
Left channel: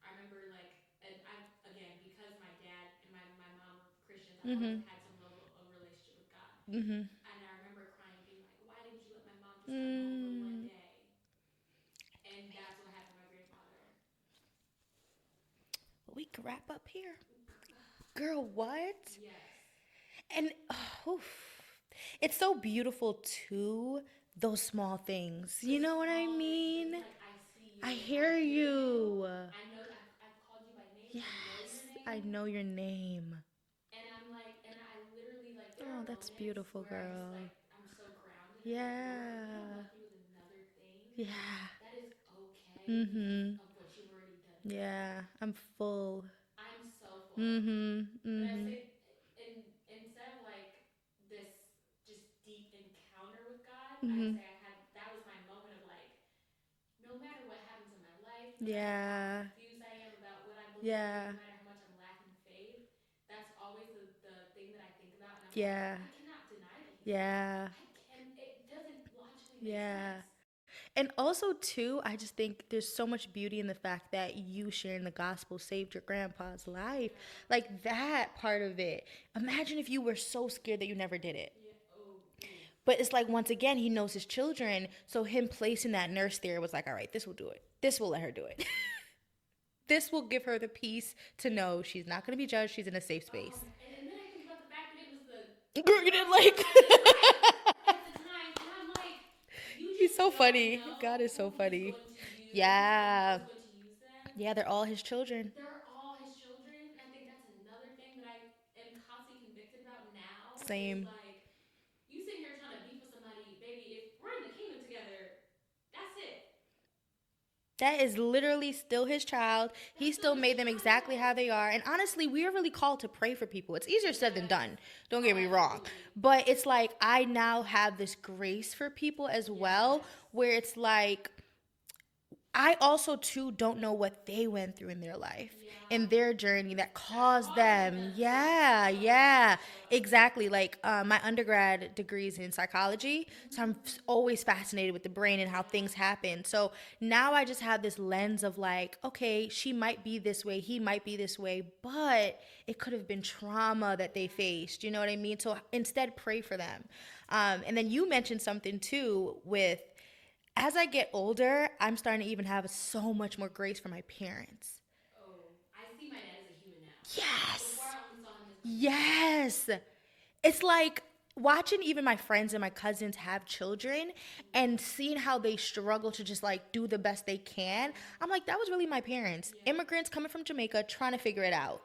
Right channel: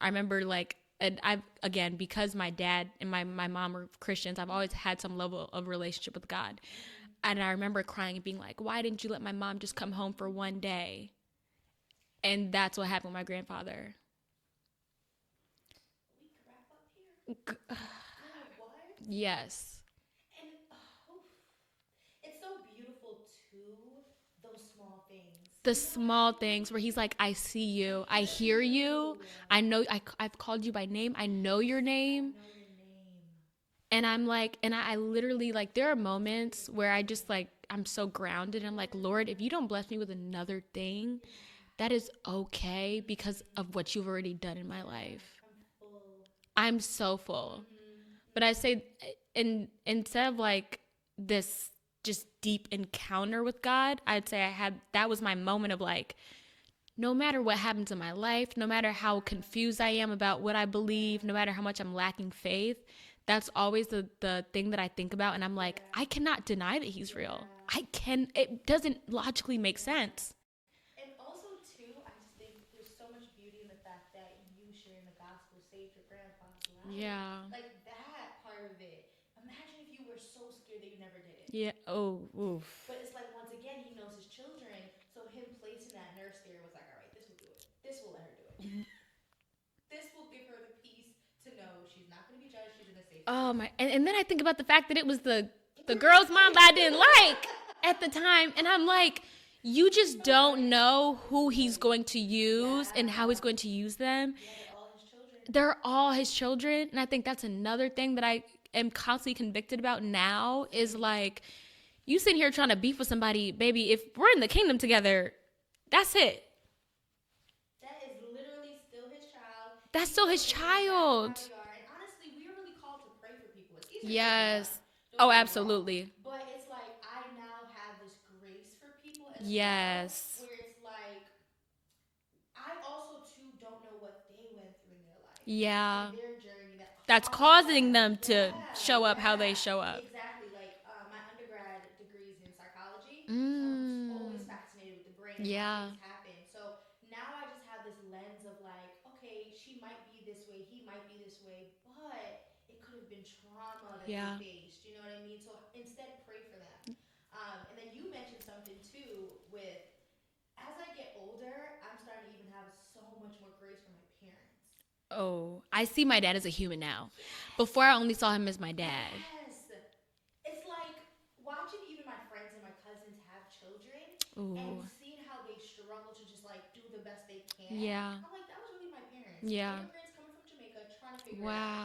I remember like, and I've, again, because my dad and my mom were Christians, I've always had some level of relationship with God. And I remember crying and being like, why didn't you let my mom just come home for one day? And that's what happened with my grandfather. We can wrap up here. Girl, what? Yes. And it's so beautiful too, those small things. The you know small what I things mean? where he's like, I see you. I hear you. I know. I've called you by name. I know your name. I know your name. And I'm like, and I literally, like, there are moments beautiful, where I girl. just, like, I'm so grounded. I'm like, Lord, if you don't bless me with another thing, that is okay because of what you've already done in my life. I'm full. I'm so full. But I say, instead of, like, this just deep encounter with God, I'd say that was my moment of, like, no matter what happens in my life, no matter how confused I am about what I believe, no matter how much I'm lacking faith, that's always the thing that I think about. And I'm like, I cannot deny that he's real. It doesn't logically make sense. And also, too, I just think there's so much beauty in the fact that you sharing the gospel saved your grandpa's life. Yeah. Like, that part of it. Imagine if you were so scared that you never did it. Yeah. Oh, oof. But it's like, once again, he knows his children. So him placing that nurse there was like, all right, this will do it. This will let her do it. This will give her the peace to know she's not going to be judged. She's in a safe space. Oh, my. And then I think about the fact that it was the girl's mom I didn't like at the time. And I'm like, you just don't know who he's going to use and how he's going to use them. Yeah, they're all his children. They're all his children. And I think that's another thing that I am constantly convicted about now. Same. Is like, you sitting here trying to beef with somebody, baby, if we're in the kingdom together, that's it. That is literally still his child. That's he still his made them child. exactly how they are. And honestly, we are really called to pray for people. It's easier said than done. Don't get me absolutely. wrong. But it's like, I now have this grace for people as well, where it's like, I also too don't know what they went through in their life, in their journey that's causing them to show up how they show up. Exactly. Like my undergrad degrees in psychology, so I'm always fascinated with the brain and how things happen. So now I just have this lens of like, okay, she might be this way, he might be this way, but it could have been trauma that they faced. You know what I mean? So instead, pray for them. And then you mentioned something too with, as I get older, I'm starting to even have so much more grace for my parents. Oh, I see my dad as a human now. Yes. Before I only saw him as my dad. Yes. It's like watching even my friends and my cousins have children and seeing how they struggle to just like do the best they can. Yeah. I'm like, that was really my parents. Yeah. Immigrants coming from Jamaica trying to figure it out.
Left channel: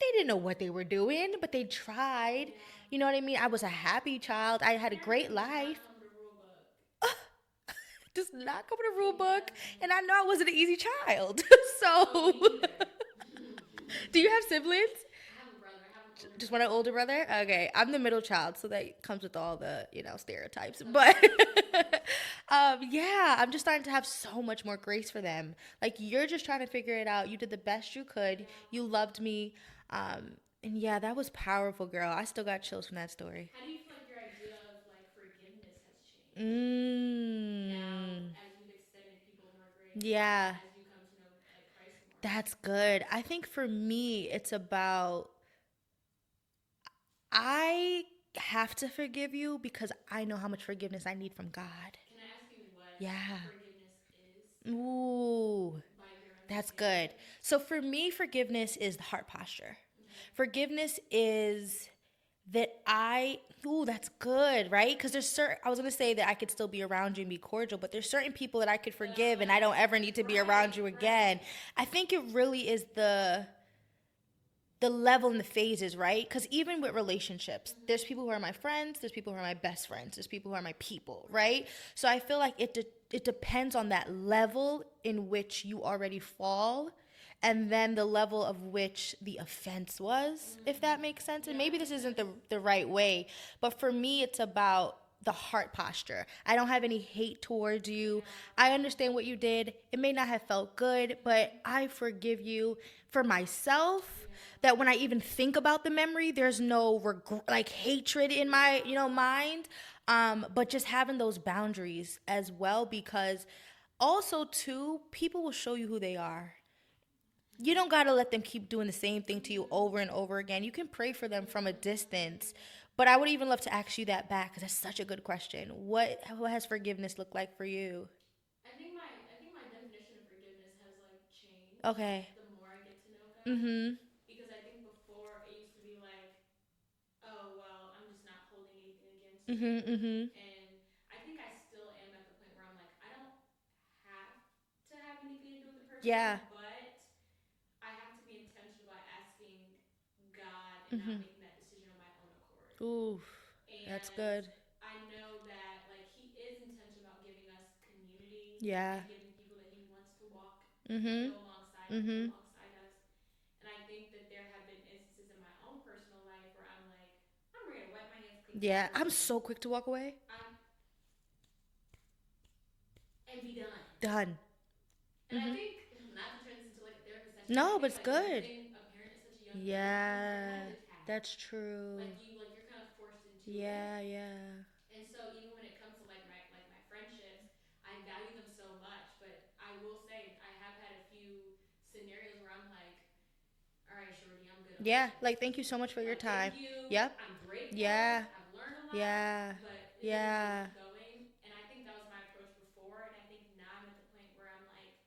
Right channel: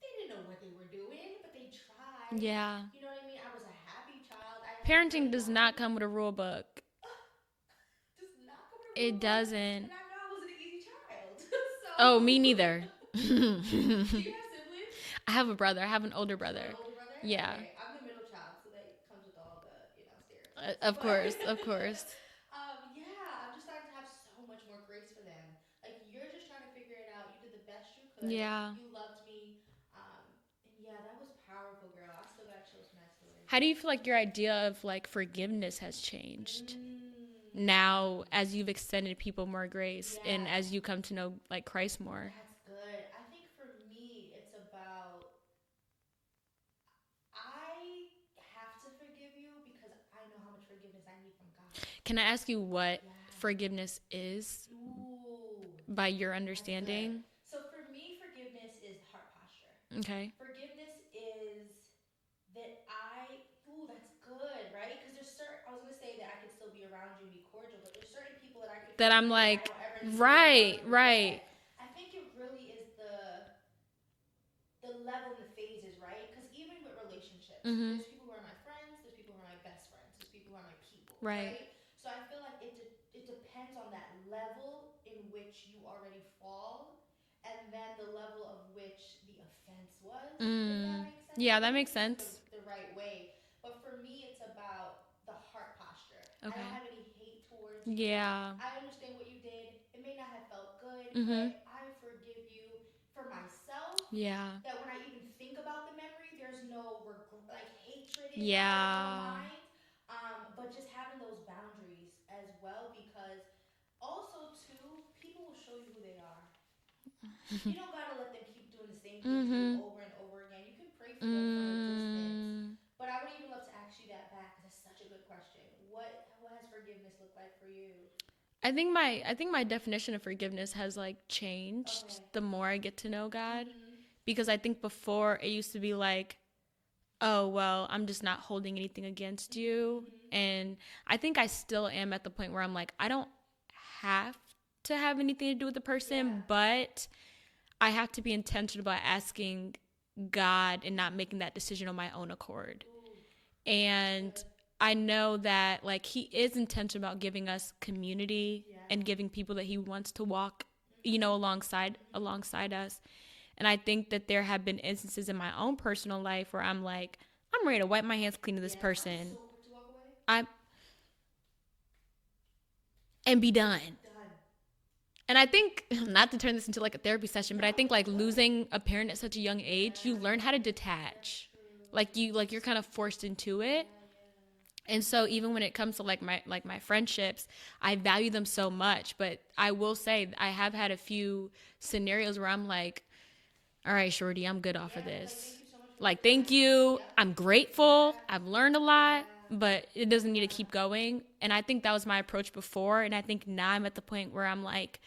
They didn't know what they were doing, but they tried. Yeah. You know what I mean? I was a happy child. I had a great life. Parenting does not come with a rule book. Does not come with a rule book. It doesn't. And I know I wasn't an easy child. So. Oh, me neither. Do you have siblings? I have a brother. I have an older brother. Just an older brother? Yeah. Okay. I'm the middle child, so that comes with all the, stereotypes. Of course. Yeah, I'm just starting to have so much more grace for them. Like, you're just trying to figure it out. You did the best you could. Yeah. You loved me. And yeah, that was powerful, girl. I still got chills from that story. How do you feel like your idea of like forgiveness has changed now as you've extended people more grace and as you come to know like Christ more? That's good. I think for me, it's about, I have to forgive you because I know how much forgiveness I need from God. Can I ask you what forgiveness is? Ooh, by your understanding? That's good. So for me, forgiveness is the heart posture. Okay. Forgiveness is that that's good, right? Because I was going to say that I could still be around you and be cordial, but there's certain people that I could forgive and I don't ever need to be around you again. I think it really is the level and the phases, right? Because even with relationships, there's people who are my friends, there's people who are my best friends, there's people who are my people, right? So I feel like it depends on that level in which you already fall and then the level of which the offense was, if that makes sense. Yeah, maybe that makes this sense. Isn't the right way, but for me, it's about the heart posture. I don't have any hate towards you. Yeah. I understand what you did. It may not have felt good, but I forgive you. For myself, that when I even think about the memory, there's no like hatred in my mind. But just having those boundaries as well, because also too, people will show you who they are. You don't gotta let them keep doing the same thing to you over and over again. You can pray for them from a distance. But I would even love to ask you that back, because that's such a good question. What has forgiveness looked like for you? I think my definition of forgiveness has like changed the more I get to know God. Because I think before it used to be like, oh, well, I'm just not holding anything against you. And I think I still am at the point where I'm like, I don't have to have anything to do with the person, but I have to be intentional about asking God and not making that decision on my own accord. Ooh, and that's good. I know that like he is intentional about giving us community and giving people that he wants to walk, you know, alongside us. And I think that there have been instances in my own personal life where I'm like, I'm ready to wipe my hands clean of this person. I'm so quick to walk away. And be done. And I think, not to turn this into like a therapy session, but I think like losing a parent at such a young age, you learn how to detach. That's true. Like you're kind of forced into it. Yeah. And so even when it comes to like my friendships, I value them so much. But I will say I have had a few scenarios where I'm like, all right, shorty, I'm good off of this. Like thank you so much for like your time. thank you. Yep. I'm grateful. I've learned a lot, but it doesn't need to keep going. And I think that was my approach before. And I think now I'm at the point where I'm like,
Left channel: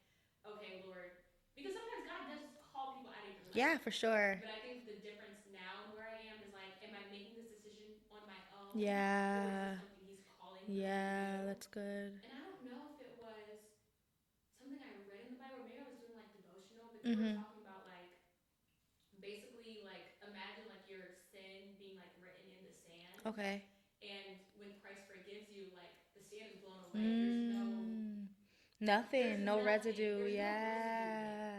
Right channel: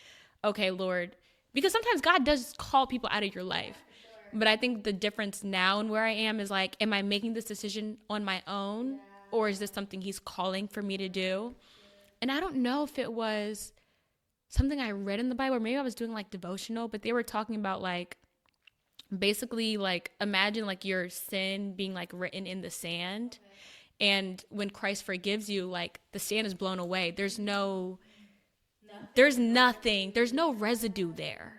okay, Lord, because sometimes God does call people out of your life. Yeah, for sure. But I think the difference now and where I am is like, am I making this decision on my own? Yeah. Or is this something he's calling for me to do? That's good. And I don't know if it was something I read in the Bible, or maybe I was doing like devotional, but they were talking about like, basically like, imagine like your sin being like written in the sand. Okay. And when Christ forgives you, like the sand is blown away. There's no... Nothing. There's no nothing. Residue. There's no residue there.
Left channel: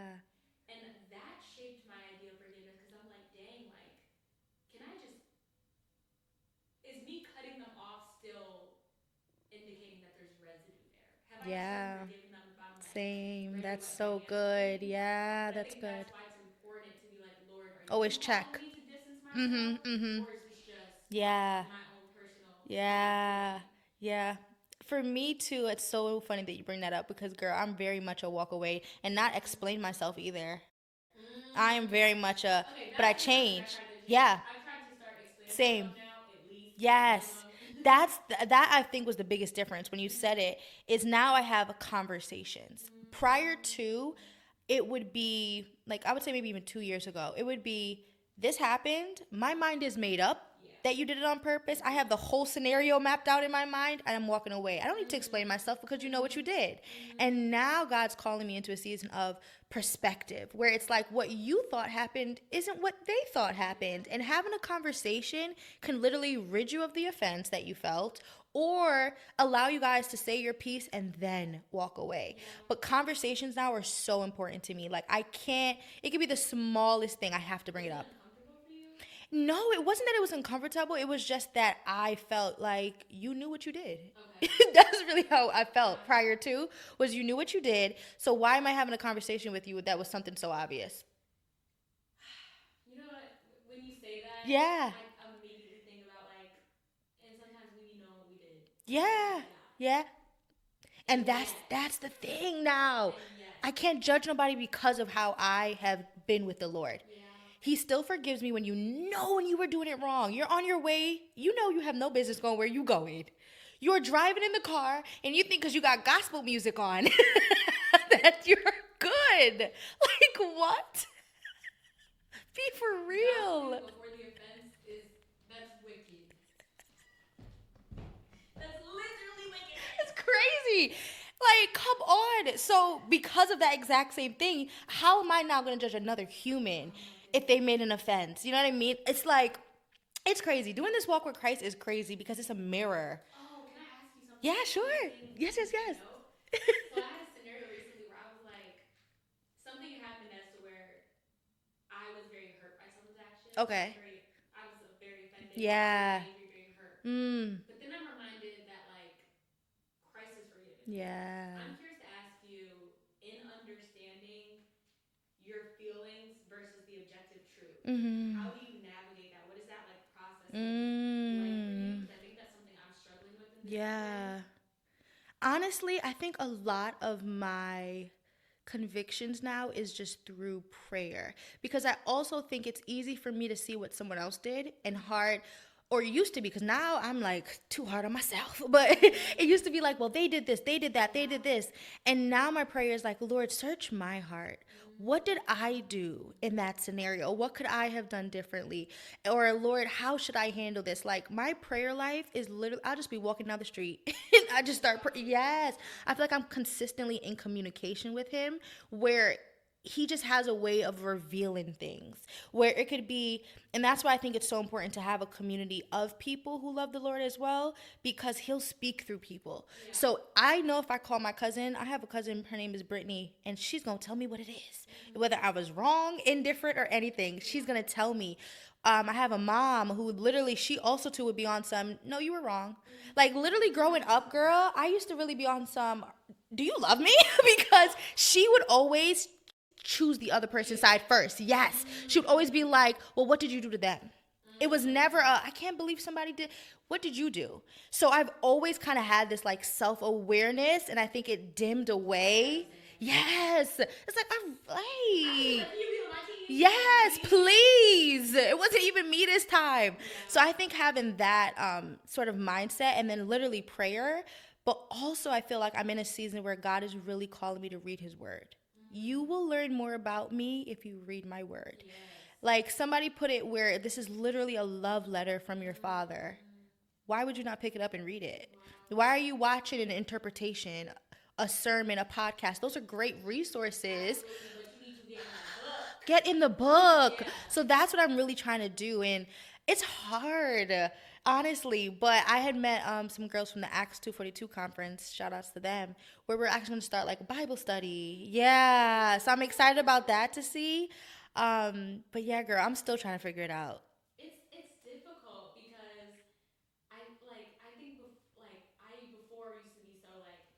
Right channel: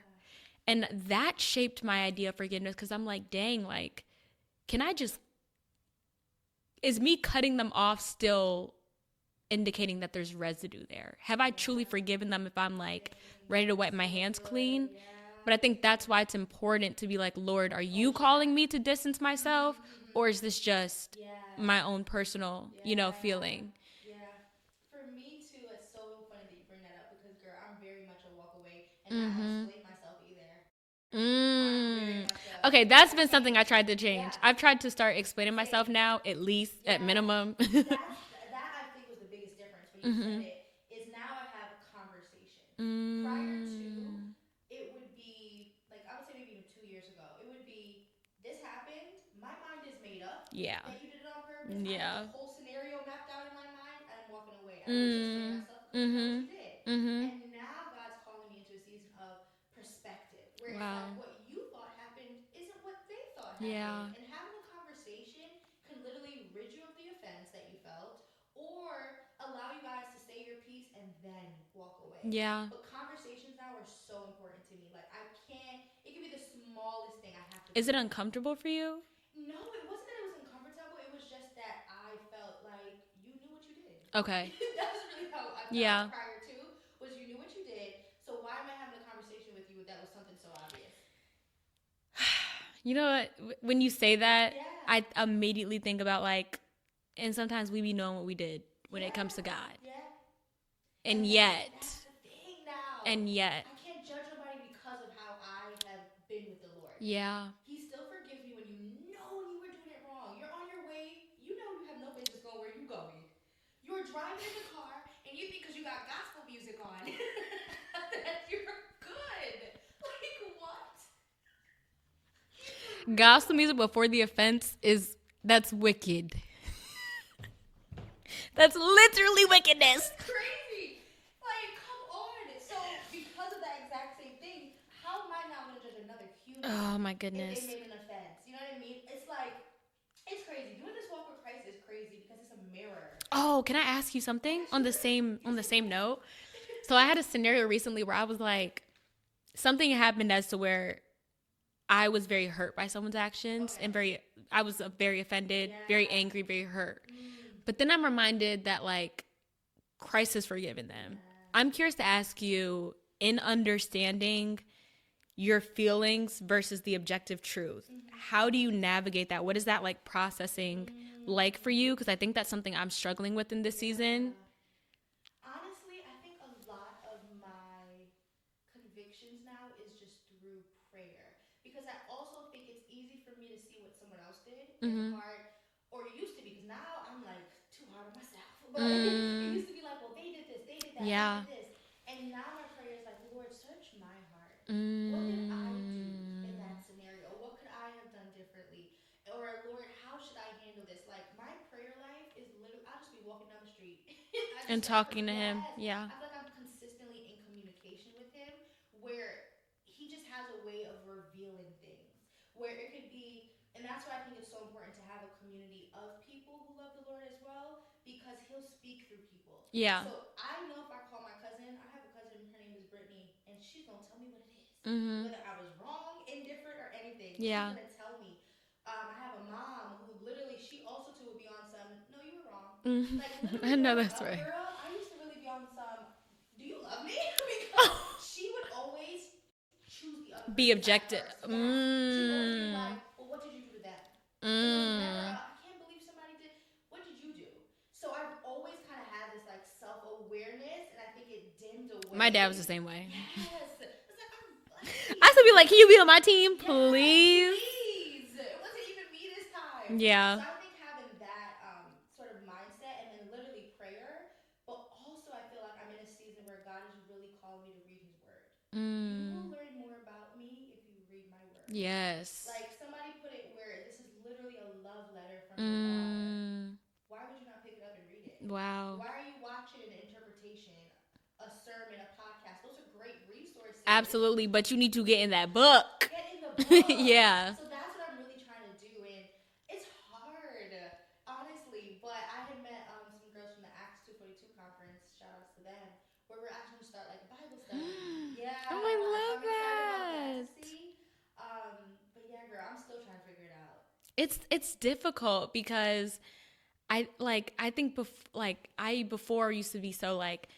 And that shaped my idea of forgiveness, because I'm like, dang, like, can I just, is me cutting them off still indicating that there's residue there? Have I truly forgiven them if I'm like ready to wipe my hands clean? Yeah. But I think that's why it's important to be like, Lord, are you calling me to distance myself? Or is this just my own personal, feeling? Yeah. For me too, it's so funny that you bring that up, because girl, I'm very much a walk away and not explain myself either. I'm very much a okay. That's been something I tried to change. Yeah. I've tried to start explaining myself now, at least at minimum. that I think was the biggest difference when you said it. Is now I have conversations. Prior to, it would be like, I would say maybe even 2 years ago, it would be, this happened. My mind is made up that you did it on purpose. I have the whole scenario mapped out in my mind, and I'm walking away. I don't need to explain myself, because you know what you did. And now God's calling me into a season of perspective, where it's like what you thought happened isn't what they thought happened. And having a conversation can literally rid you of the offense that you felt, or allow you guys to say your piece and then walk away. Yeah. But conversations now are so important to me. Like, I can't, it could be the smallest thing I have to bring Is it up. uncomfortable for you? No, it wasn't that it was uncomfortable. It was just that I felt like you knew what you did. Okay. That's really how I felt prior to, was you knew what you did. So why am I having a conversation with you that was something so obvious? You know what? When you say that, I immediately think about like, and sometimes we be knowing what we did when it comes to God. Yeah. And that's the thing now. And yet. I can't judge nobody because of how I have been with the Lord. Yeah. He still forgives me when when you were doing it wrong. You're on your way. You know you have no business going where you going. You're driving in the car, and you think because you got gospel music on that you're good. Like, what? Be for real. Gospel music before the offense that's wicked. That's literally wickedness. Crazy. Like, come on. So, because of that exact same thing, how am I now going to judge another human? Oh, my goodness. If they made an offense? You know what I mean? It's like, it's crazy. Doing this walk with Christ is crazy because it's a mirror. Oh, can I ask you something Yeah, sure. on the same note? So I had a scenario recently where I was like, something happened as to where I was very hurt by someone's actions. Okay. And I was very offended, Yeah. very angry, very hurt. But then I'm reminded that like Christ has forgiven them. Yeah. I'm curious to ask you, in understanding your feelings versus the objective truth, how do you navigate that? What is that like processing like for you? Because I think that's something I'm struggling with in this season. Honestly, I think a lot of my convictions now is just through prayer, because I also think it's easy for me to see what someone else did and hard, or used to be, because now I'm like too hard on myself, but it used to be like, well, they did this, they did that, they did this, and now my prayer is like, Lord, search my heart. What did I do in that scenario? What could I have done differently? Or Lord, how should I handle this? Like my prayer life is literally, I'll just be walking down the street and I just And start talking to yes him. Yeah. I feel like I'm consistently in communication with him, where he just has a way of revealing things, where it could be, and that's why I think it's so important to have a community of people who love the Lord as well, because he'll speak through people. Yeah. So I know if I call my cousin, I have a cousin, her name is Brittany, and she's going to tell me what it is. Whether I was wrong, indifferent, or anything, she's going to tell me. I have a mom who literally, she also too would be on some, no, you were wrong. Like literally growing up, right, girl, I used to really be on some, do you love me? Because she would always choose the other person's side first. Yes. She would always be like, well, what did you do to them? It was never I can't believe somebody did. What did you do? So I've always kind of had this like self-awareness, and I think it dimmed away. My dad was the same way. Yes. It's like, I could be like, can you be on my team? Yes, please. It wasn't even me this time. Yeah. So I think having that sort of mindset, and then literally prayer, but also I feel like I'm in a season where God is really calling me to read his word. You will learn more about me if you read my word. Yes. Like somebody put it where this is literally a love letter from your father. Why would you not pick it up and read it? Wow. Why are you watching an interpretation, a sermon, a podcast? Those are great resources. Absolutely, but you need to get in that book. Get in the book. Yeah. So that's what I'm really trying to do, and it's hard, honestly. But I had met some girls from the Acts 242 conference. Shout outs to them, where we're actually going to start like a Bible study. Yeah. So I'm excited about that to see. But yeah, girl, I'm still trying to figure it out. It's difficult because I think before used to be so like,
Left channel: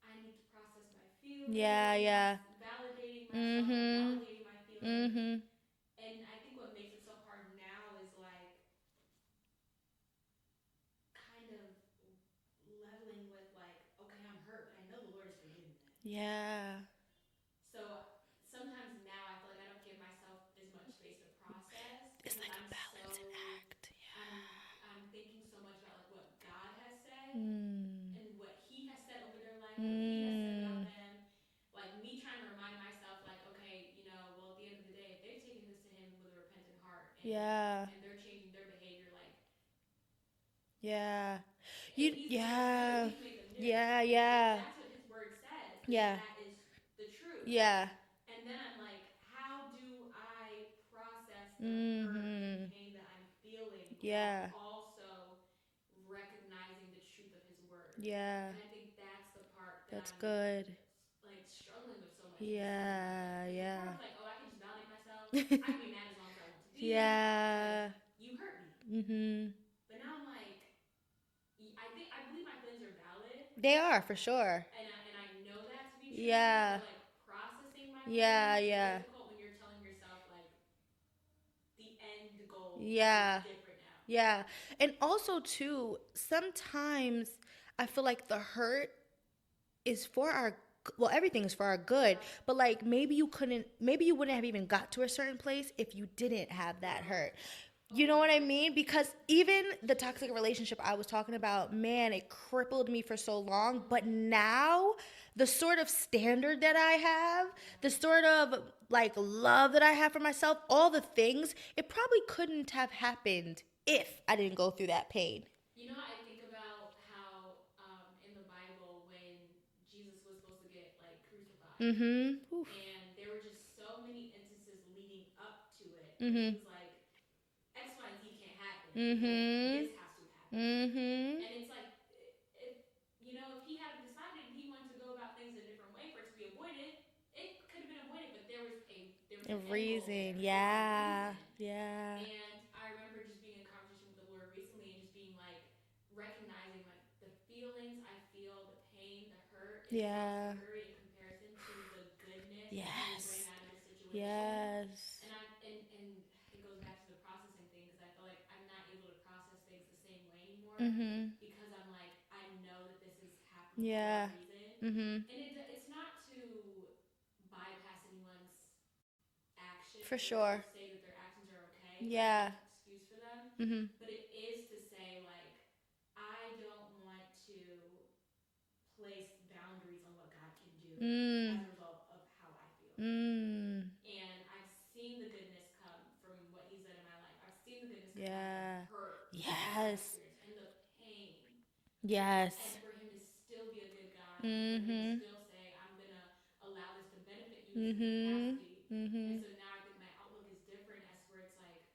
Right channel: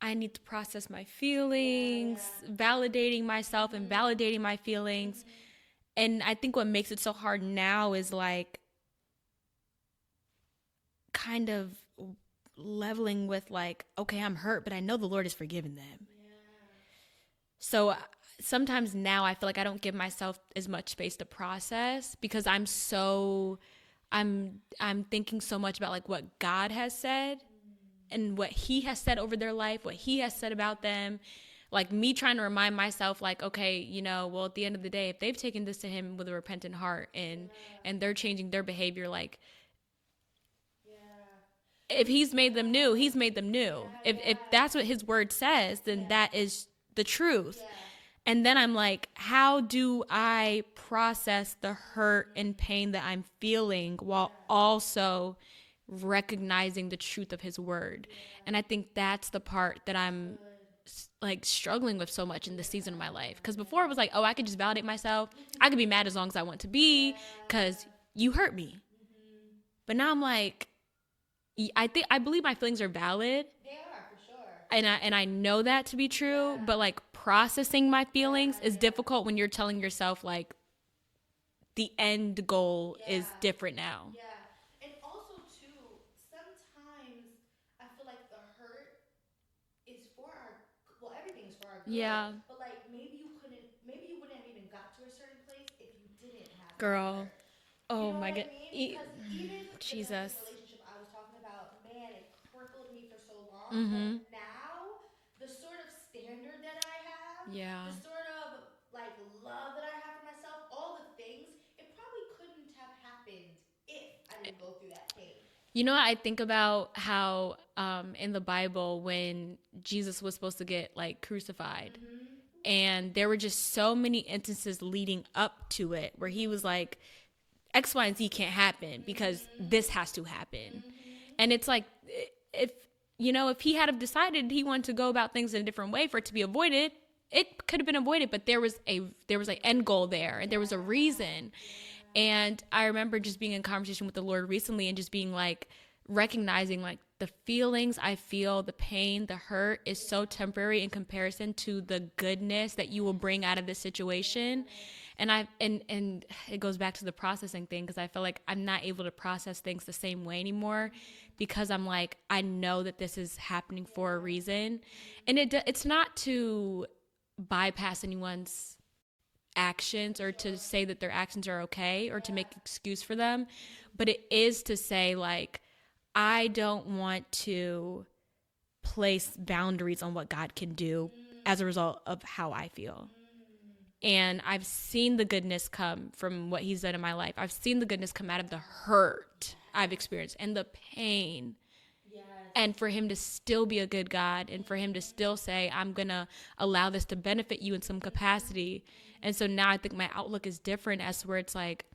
I need to process my feelings, validating myself and validating my feelings. And I think what makes it so hard now is like kind of leveling with like, okay, I'm hurt, but I know the Lord has forgiven them. Yeah. So sometimes now I feel like I don't give myself as much space to process, because I'm thinking so much about like what God has said and what he has said over their life, what he has said about them. Like me trying to remind myself like, okay, well, at the end of the day, if they've taken this to him with a repentant heart and they're changing their behavior, like, if he's made them new, he's made them new. If that's what his word says, then that is the truth. Yeah. And then I'm like, how do I process the hurt and pain that I'm feeling while also recognizing the truth of his word? Yeah. And I think that's the part that I'm like struggling with so much in this season of my life. Because before it was like, oh, I could just validate myself. I could be mad as long as I want to be because you hurt me. But now I'm like, I believe my feelings are valid. They are, for sure. And I know that to be true. But like processing my feelings is difficult when you're telling yourself like the end goal is different now. Yeah. And also too, sometimes I feel like the hurt is for everything is for our good. But like maybe you wouldn't have even got to a certain place if you didn't have that hurt. You know what I mean? Because even the toxic relationship I was talking about, man, it crippled me for so long. But now the sort of standard that I have, the sort of like love that I have for myself, all the things, it probably couldn't have happened if I didn't go through that pain. You know, I think about how in the Bible when Jesus was supposed to get like crucified, and there were just so many instances leading up to it where he was like, X, Y, and Z can't happen because this has to happen. And it's like, if he had have decided he wanted to go about things in a different way for it to be avoided, it could have been avoided, but there was an end goal there, and there was a reason. Yeah. And I remember just being in conversation with the Lord recently and just being like, recognizing like the feelings I feel, the pain, the hurt is so temporary in comparison to the goodness that you will bring out of this situation. And and it goes back to the processing thing, because I feel like I'm not able to process things the same way anymore, because I'm like, I know that this is happening for a reason. And it's not to bypass anyone's actions to say that their actions are okay or to make an excuse for them, but it is to say like, I don't want to place boundaries on what God can do as a result of how I feel. And I've seen the goodness come from what he's done in my life. I've seen the goodness come out of the hurt I've experienced and the pain. Yes. And for him to still be a good God, and for him to still say, I'm going to allow this to benefit you in some capacity. And so now I think my outlook is different, as to where it's like,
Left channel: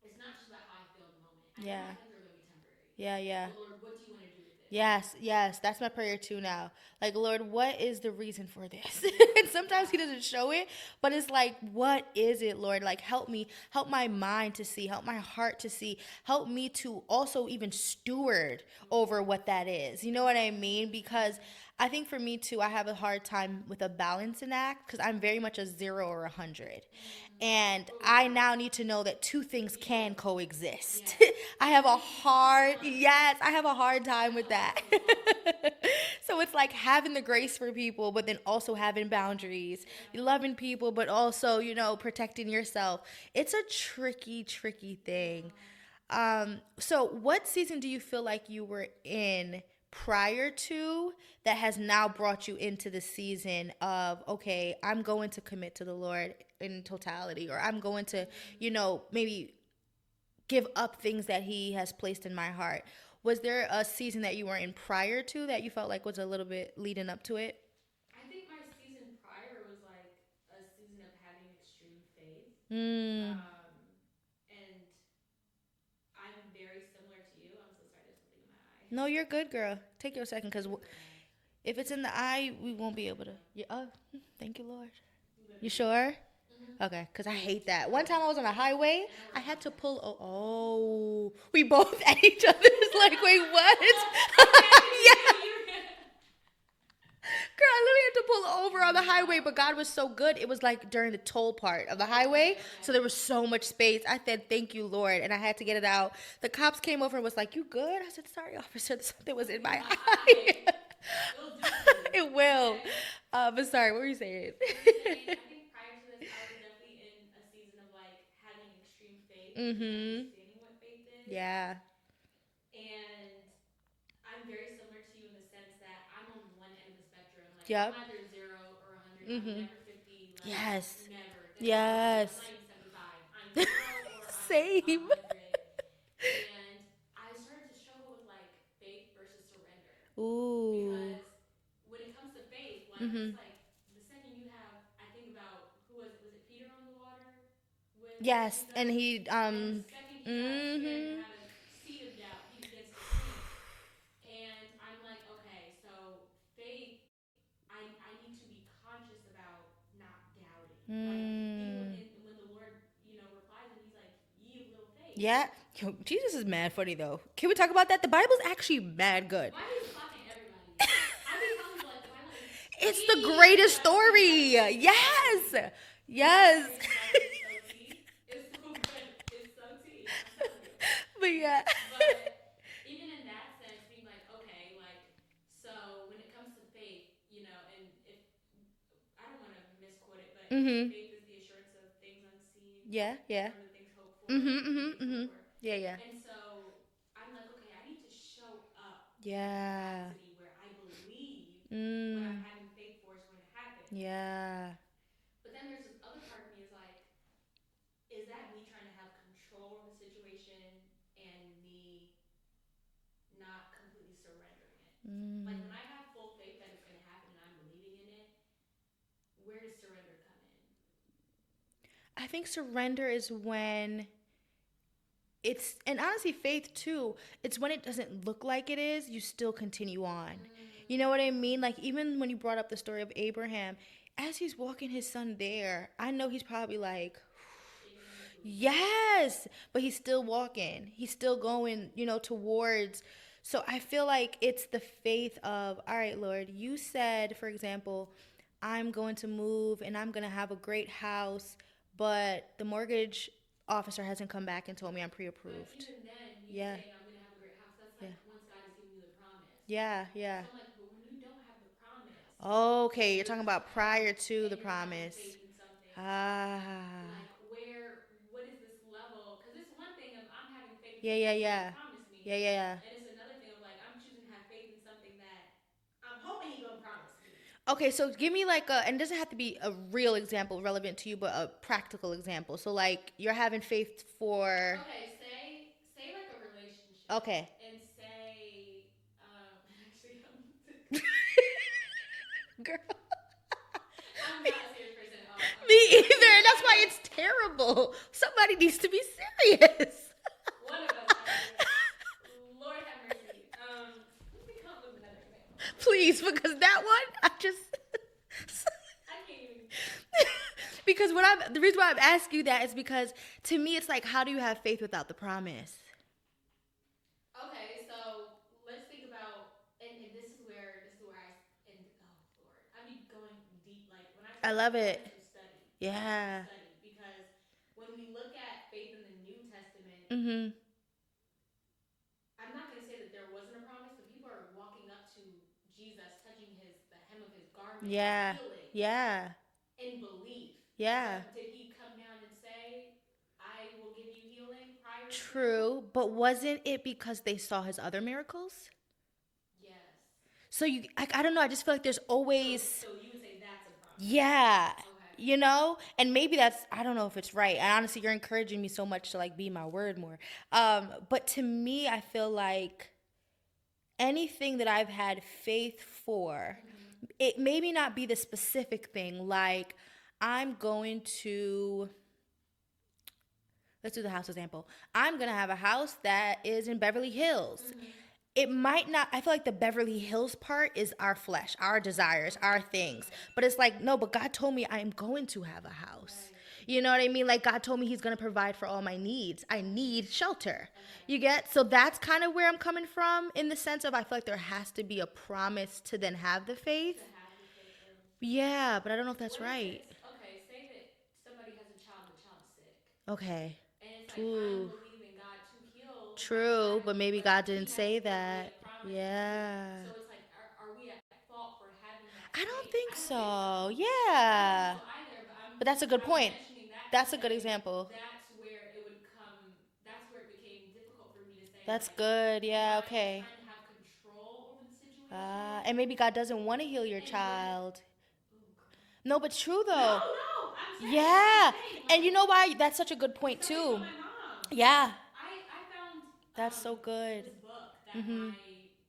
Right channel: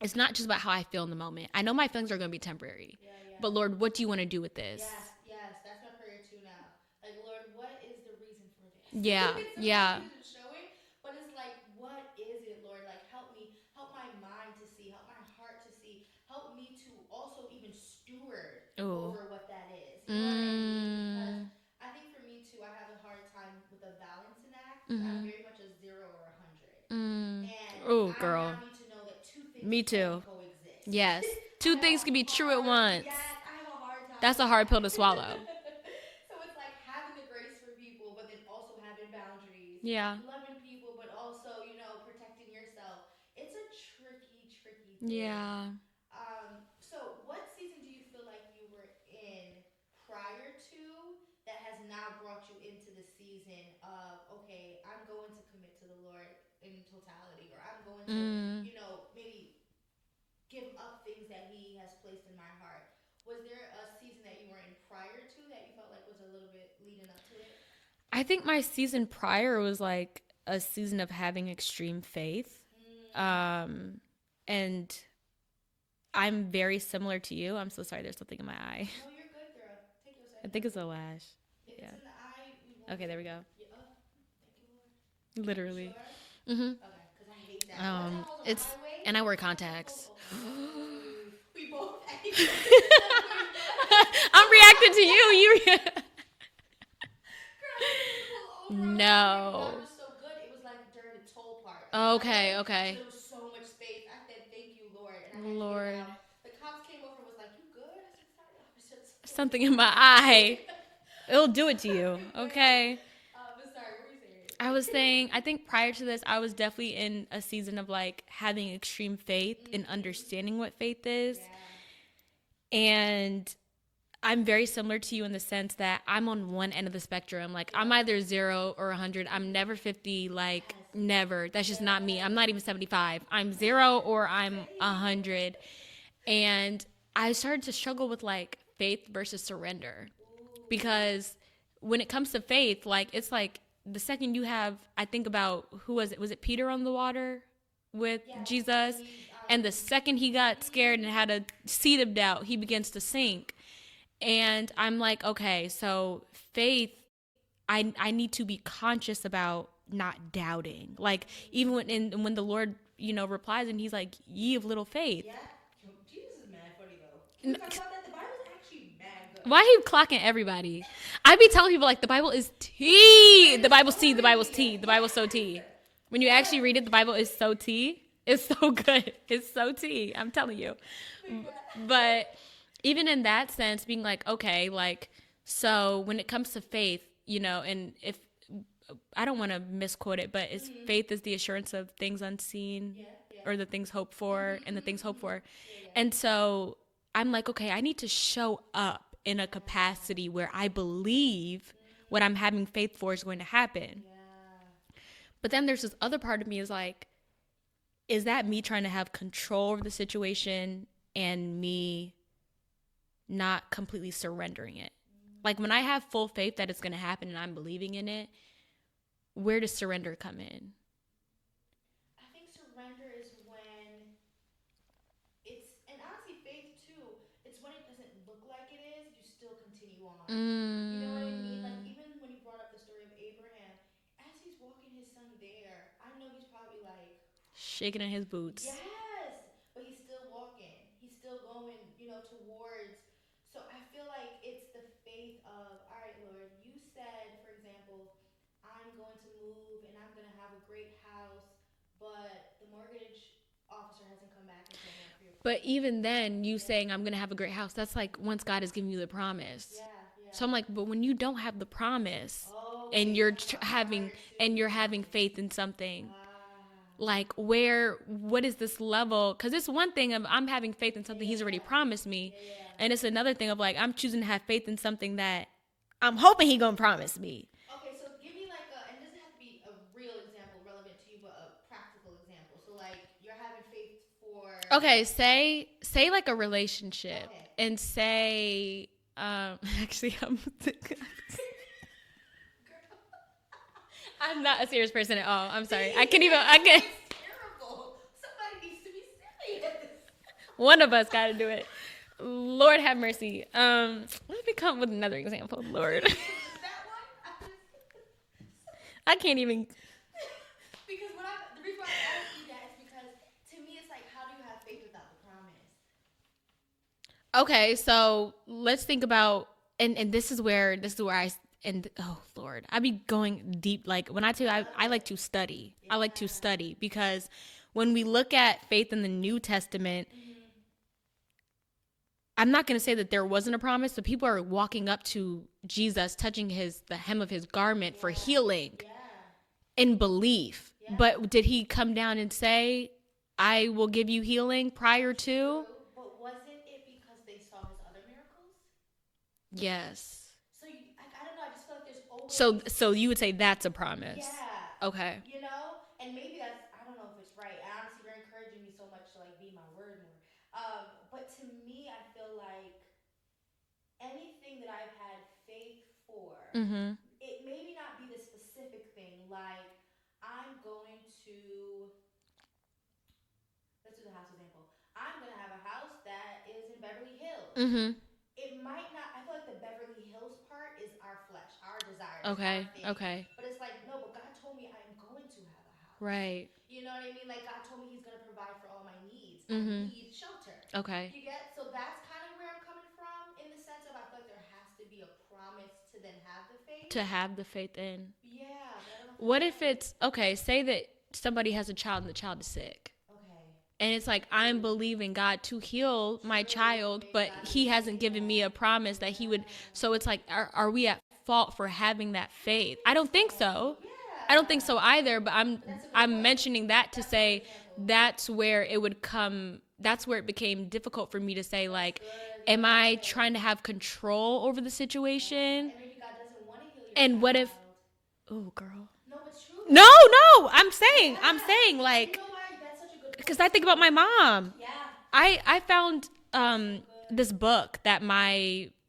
it's not just about how I feel in the moment. I know my feelings are going to be temporary. Yeah. But Lord, what do you want to do with this? Yes. That's my prayer too now. Like, Lord, what is the reason for this? Yeah. And sometimes he doesn't show it, but it's like, what is it, Lord? Like, help me, help my mind to see, help my heart to see, help me to also even steward over what that is. You know what I mean? Because I think for me too, I have a hard time with a balancing act, because I'm very much a 0 or 100. And I now need to know that two things can coexist. Yes. Two things can be true at once. Yes. I have a hard time That's with a hard pill to swallow. So it's like having the grace for people, but then also having boundaries. Yeah. Loving people, but also, protecting yourself. It's a tricky thing. Yeah. So what season do you feel like you were in prior to that has now brought you into the season of, okay, I'm going to commit to the Lord in totality, or I'm going to, maybe give up things that he has placed in my heart? Was there a season that you were in prior to that you felt like was a little bit leading up to it? I think my season prior was like a season of having extreme faith. And I'm very similar to you. I'm so sorry, there's something in my eye. No, you're good, girl. Take your second. I think it's a lash. If it's in the eye, we won't be able there we to. go. Yeah, oh, thank you, Lord. Literally. You sure? Mm-hmm. Okay, because I hate that. No, One time I was on a highway. And I wear had contacts. to pull, we both at each other. Like, wait, what? I'm reacting to you. Girl, I literally had to pull over on the highway, but God was so good. It was like during the toll part of the highway. Okay. So there was so much space. I said, thank you, Lord. And I had to get it out. The cops came over and was like, you good? I said, sorry, officer. Something in my eye. It'll do it to you. It will. Okay. But sorry, what were you saying? I was saying, I think prior to this, I was definitely in a season of like having extreme faith and understanding what faith is. Yeah. And I'm very similar to you in the sense that I'm on one end of the spectrum. Like, I'm either 0 or 100. I'm never 50. Like, never. That's just not me. I'm not even 75. I'm 0 or I'm 100. And I started to struggle with like faith versus surrender. Ooh. Because when it comes to faith, like, it's like the second you have, I think about, who was it? Was it Peter on the water with Jesus? And the second he got scared and had a seed of doubt, he begins to sink. And I'm like, okay, so faith, I need to be conscious about not doubting. Like, even when the Lord, replies and he's like, ye of little faith. Yeah. Yo, Jesus is mad funny though. Can we talk about that? The Bible's actually mad good. Why are you clocking everybody? I be telling people like the Bible is tea. It's the Bible's story. tea. The Bible's tea. The Bible's so tea. When you actually read it, the Bible is so tea. It's so good. It's so tea. I'm telling you. But even in that sense, being like, okay, like, so when it comes to faith, and if I don't want to misquote it, but faith is the assurance of things unseen, or the things hoped for, and the things hoped for. And so I'm like, okay, I need to show up in a capacity where I believe what I'm having faith for is going to happen. But then there's this other part of me is like, is that me trying to have control over the situation and me not completely surrendering it? Like, when I have full faith that it's going to happen and I'm believing in it, where does surrender come in? I think surrender is when and honestly, faith too, it's when it doesn't look like it is, you still continue on. You know what I mean? Like, even when you brought up the story of Abraham, as he's walking his son there, I know he's probably like shaking in his boots. Yes, but he's still walking. He's still going, towards. So I feel like it's the faith of, all right, Lord, you said, for example, I'm going to move and I'm going to have a great house, but the mortgage officer hasn't come back and told me I'm pre-approved. But even then, you saying I'm going to have a great house, that's like once God has given you the promise. Yeah. So I'm like, but when you don't have the promise, okay, and you're talking about prior to and the you're promise. Having faith in something, like what is this level? Because it's one thing of I'm having faith in something He's already promised me, and it's another thing of like I'm choosing to have faith in something that I'm hoping He gonna promise me. Okay, so give me like and it doesn't have to be a real example relevant to you, but a practical example. So like you're having faith for. Okay, say like a relationship. Okay. And say, actually, I'm. Girl. I'm not a serious person at all. I'm Me sorry. either. That's why it's terrible. Somebody needs to be serious. One of us got to do it. Lord have mercy. Let me come with another example, Lord. Please, because that one, I can't even. Because the reason why I'm asking you that is because to me it's like, how do you have faith without the promise? Okay, so let's think about, and this is where oh Lord, I be going deep. Like when I tell you, I like to study. Yeah. I like to study because when we look at faith in the New Testament. Mm-hmm. I'm not going to say that there wasn't a promise, but people are walking up to Jesus, touching the hem of his garment for healing. Yeah. In belief. Yeah. But did he come down and say, I will give you healing prior to? True. But wasn't it because they saw his other miracles? Yes. So I don't know. I just feel like there's always. So you would say that's a promise. Yeah. Okay. And maybe I don't know if it's right. And honestly, you're encouraging me so much to like be my word more. But to me, I feel like anything that I've had faith for, it maybe not be the specific thing. Like I'm going to. Let's do the house example. I'm going to have a house that is in Beverly Hills. Mm-hmm. It might not, I feel like the Beverly Hills part is our flesh, our desires, our things. Okay. But it's like, no, but God told me I am going to have a house. Right. You know what I mean? Like God told me He's going to provide for all my needs. Mm-hmm. I need shelter. Okay. You get? So that's kind of where I'm coming from in the sense of I feel like there has to be a promise to then have the faith. To have the faith in. Yeah, but I don't know if that's right. What if it's, okay, say that somebody has a child and the child is sick. Okay. And it's like, I'm believing God to heal my child, but He hasn't given me a promise that He would. So it's like, are we at fault for having that faith? I don't think so. Yeah. I don't think so either, but that's a good I'm point. mentioning that that's to say a good example. That's where it would come. That's where it became difficult for me to say, that's like, good. Am I trying to have control over the situation? And maybe God doesn't want to heal your child. And what if... Oh, girl. No, but true though. No, I'm saying, like, and you know why? That's such a good point. Because I think about my mom. Yeah, I found so good. this book that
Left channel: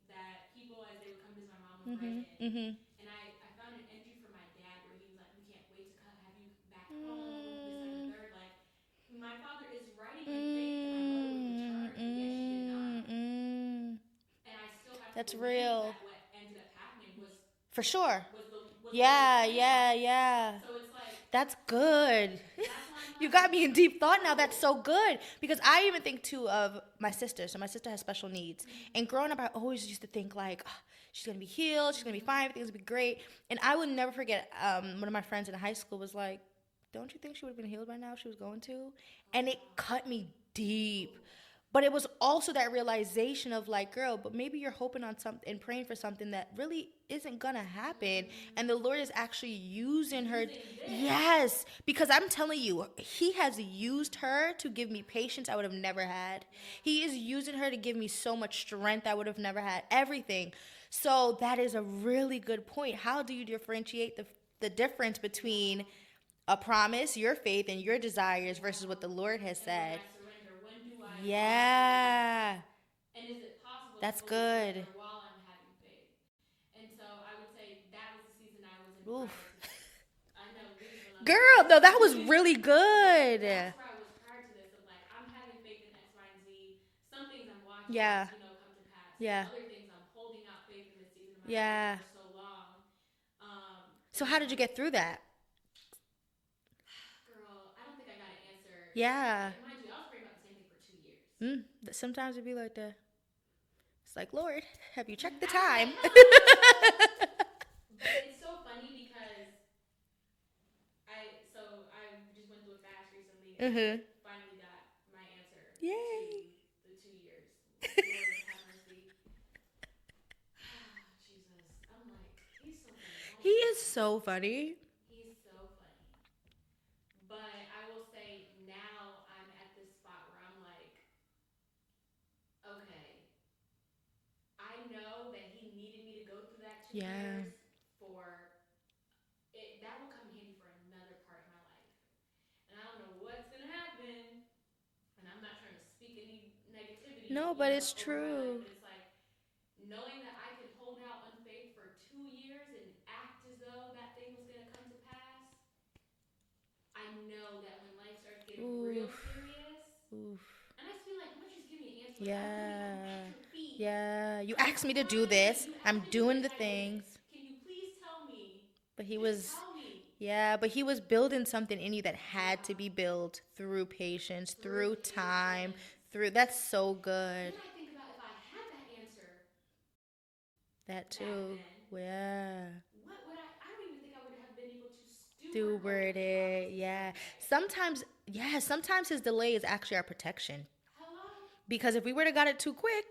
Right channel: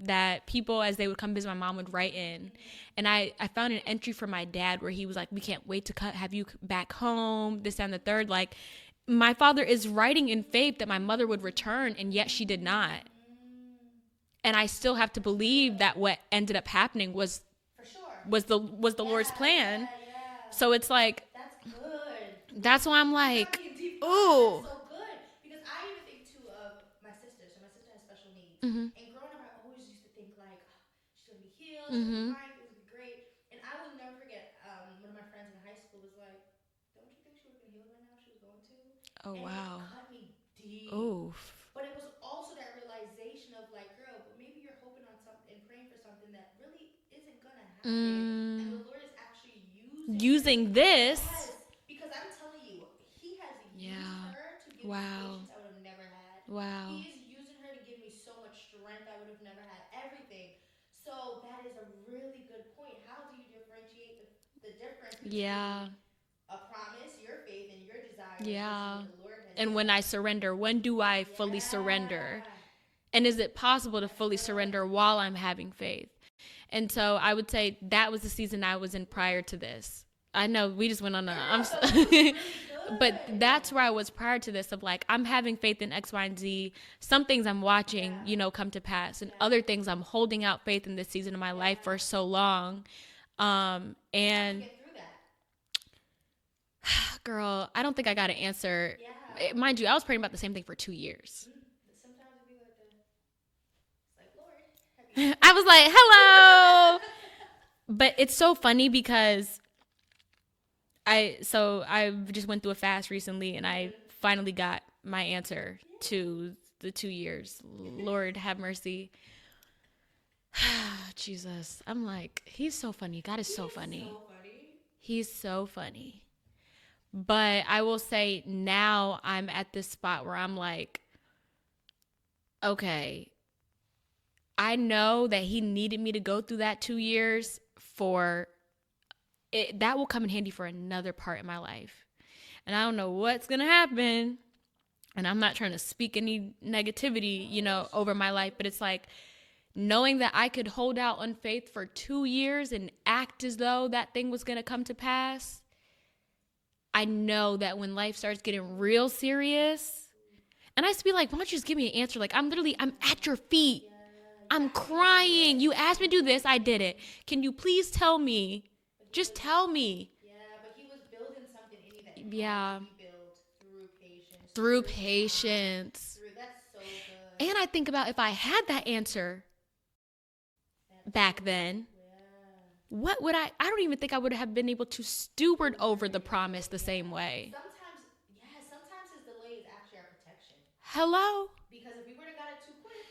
that people as they would come visit my mom would write in, and I found an entry from my dad where he was like, "We can't wait to have you back home." This and the third, like, my father is writing in faith that my mother would return, and yet she did not. And I still have to believe that what ended up happening was. For sure. Was the Lord's plan. Yeah. So it's like. That's good. That's why I'm like. You got me in deep thought now. That's so good. Because I even think too of my sister. So my sister has special needs. Mm-hmm. And growing up, I always used to think like, oh, she's going to be healed. She's going to be fine. Everything's going to be great. And I would never forget one of my friends in high school was like, don't you think she would have been healed by now if she was going to? Oh, and it cut me deep. Oof. But it was also that realization of like, girl, but maybe you're hoping on something and praying for something that really isn't gonna happen. And the Lord is actually using this. Yes. Because I'm telling you, He has used her to give me patience I would have never had. Wow. He is using her to give me so much strength I would have never had. Everything. So that is a really good point. How do you differentiate the difference between a promise, your faith, and your desires versus what the Lord has said? And when I surrender, when do I fully surrender? And is it possible to fully surrender while I'm having faith? And so I would say that was the season I was in prior to this. I know we just went on. Girl, no, that was really good. But that's where I was prior to this of like, I'm having faith in X, Y, and Z. Some things I'm watching, come to pass. And other things I'm holding out faith in this season of my life for so long. So how did you get through that? Girl, I don't think I got an answer. Yeah. Mind you, I was praying about the same thing for 2 years. Sometimes it'd be like that. It's like, Lord, have you checked I was like, hello. But it's so funny because I just went through a fast recently, and I finally got my answer to the 2 years. Lord have mercy. Jesus. I'm like, he's so funny. God is so funny. He is so funny. He's so funny. But I will say now I'm at this spot where I'm like, okay, I know that he needed me to go through that 2 years for it. That will come in handy for another part in my life. And I don't know what's going to happen. And I'm not trying to speak any negativity, over my life. But it's like knowing that I could hold out on faith for 2 years and act as though that thing was going to come to pass. I know that when life starts getting real serious, and I used to be like, why don't you just give me an answer? Like, I'm at your feet. Yeah. I'm asked crying. me to do this. You asked me to do this. I did it. Can you please tell me? Tell me. Yeah, but he was building something in you that had to be built through patience. Through patience. Time, that's so good. And I think about if I had that answer back then, what would I don't even think I would have been able to steward over the promise the same way. Sometimes his delay is actually our protection. Hello? Because if we would have got it too quick,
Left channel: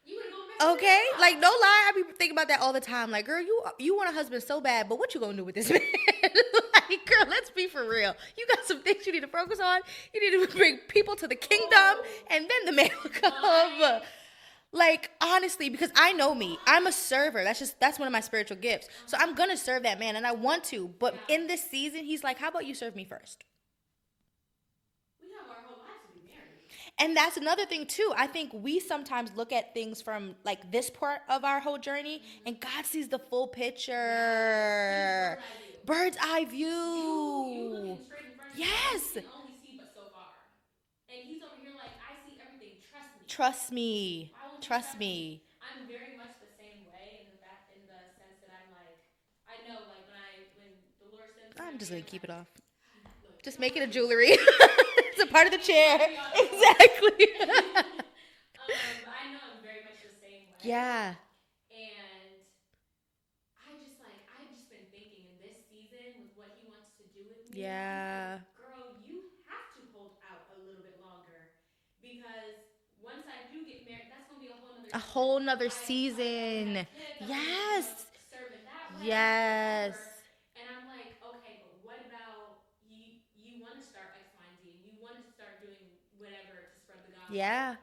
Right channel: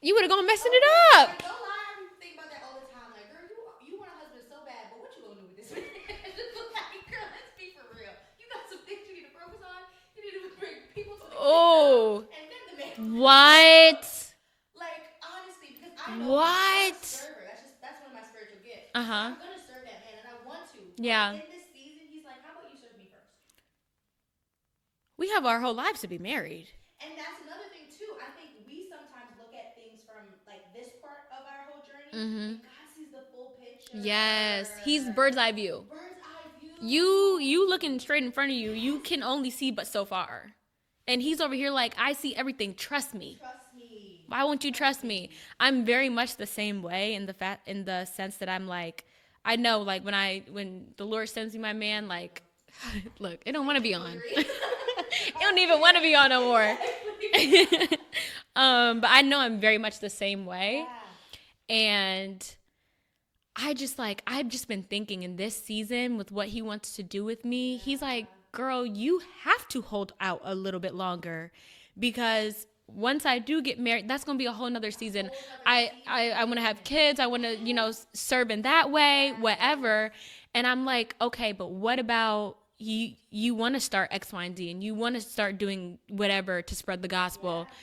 you would have gone messing it up. Like, no lie, I be thinking about that all the time. Like, girl, you want a husband so bad, but what you gonna do with this man? Like, girl, let's be for real. You got some things you need to focus on. You need to bring people to the kingdom, and then the man will come over. Like, honestly, because I know me. I'm a server. That's one of my spiritual gifts. So I'm gonna serve that man, and I want to. But in this season, he's like, how about you serve me first? We have our whole lives to be married. And that's another thing, too. I think we sometimes look at things from, like, this part of our whole journey, and God sees the full picture. Yes. He's bird's eye view. Bird's eye view. You looking straight in front of you, you can only see but so far. And he's over here like, I see everything. Trust me. Trust me. Why won't you trust me? I'm very much the same way in the sense that I'm like, I know, like, when the Lord sends me my man, like, look, I don't want to be jewelry. I don't even want to be on no more. Exactly. But I know I'm very much the same way. Yeah. And I've just been thinking in this season with what he wants to do with me. He's like, girl, you have to hold out a little bit longer, because once I do get married, that's going to be a whole nother season. A whole nother season. I want to have kids. I want to, serve in that way, whatever. And I'm like, okay, but what about you want to start X, Y, and Z, and you want to start doing whatever to spread the gospel. Yeah.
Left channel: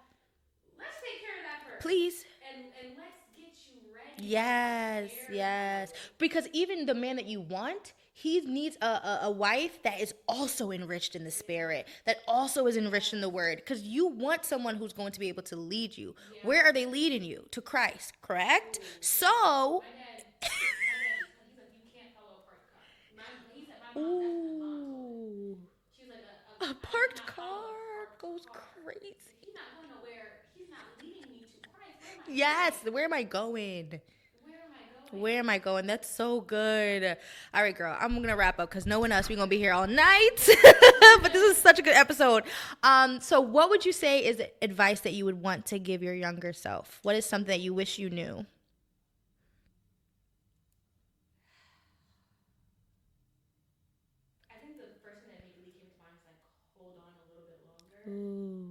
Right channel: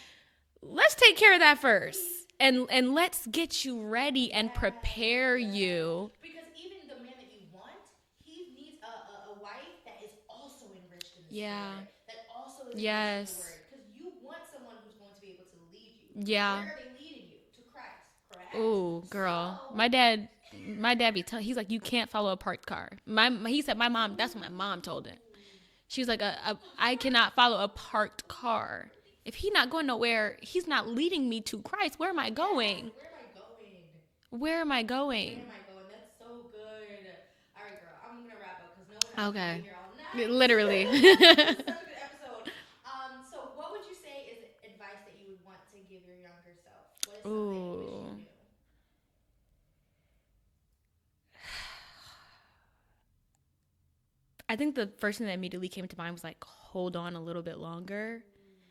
Let's take care of that first. Please. And let's get you ready and prepare you. Because even the man that you want, he needs a wife that is also enriched in the spirit, that also is enriched in the word. Because you want someone who's going to be able to lead you. Yeah. Where are they leading you? To Christ, correct? Ooh, so my dad he's like, you can't follow a parked car. He said, my mom, that's what my mom told him. She was like, I cannot follow a parked car. If he's not going nowhere, he's not leading me to Christ. Where am I going? Yes, where am I going? Where am I going? Where am I going? That's so good. All right, girl, I'm going to wrap up because no one else, we're going to be here all night. Literally. This is such a good episode. So what would you say is advice that you would want to give your younger self? What is something that you wish you knew? I think the first thing that immediately came to mind was like, hold on a little bit longer. Ooh.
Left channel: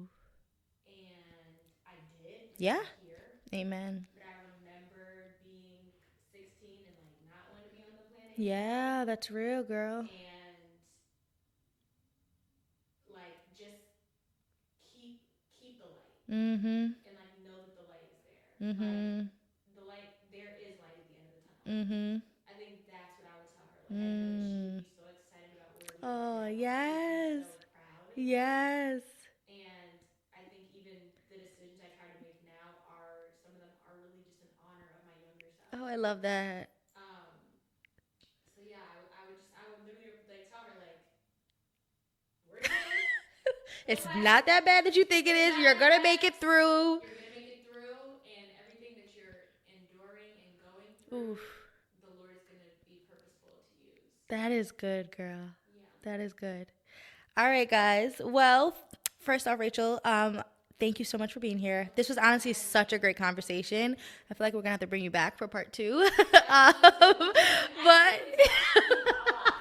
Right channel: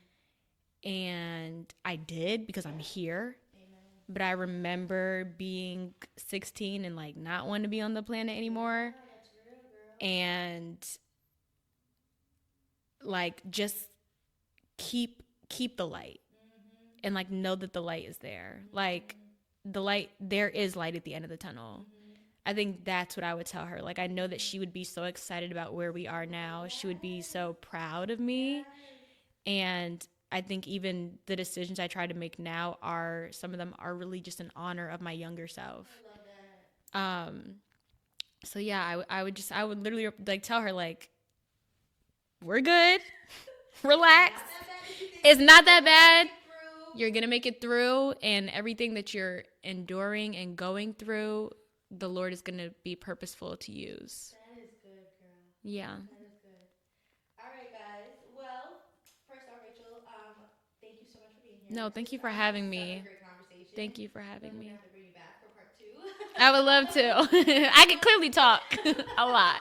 And I did, because I'm here. Amen. But I remember being 16 and like not wanting to be on the planet anymore. Yeah, that's real, girl. And like just keep the light. Mm-hmm. And like know that the light is there. Mm-hmm. Like the light, there is light at the end of the tunnel. Mm-hmm. I think that's what I would tell her. Like I know that she would be so excited about where we are now. Yes. She would be so proud of me. Yes. And I think even the decisions I try to make now some of them are really just in honor of my younger self. Oh, I love that. So yeah, I would literally like tell her like, we're good. Relax. It's not that bad that you think it's not that bad. You're gonna make it through. You're gonna make it through, and everything that you're enduring and going through, the Lord is going to be purposeful to use. That is good, girl. Yeah. That is good. All right, guys. Well, first off, Rachel, thank you so much for being here. No, this was honestly such a great conversation. Thank you for having I feel like we're going to have to bring you back for part 2. I would love to. I can clearly talk a lot.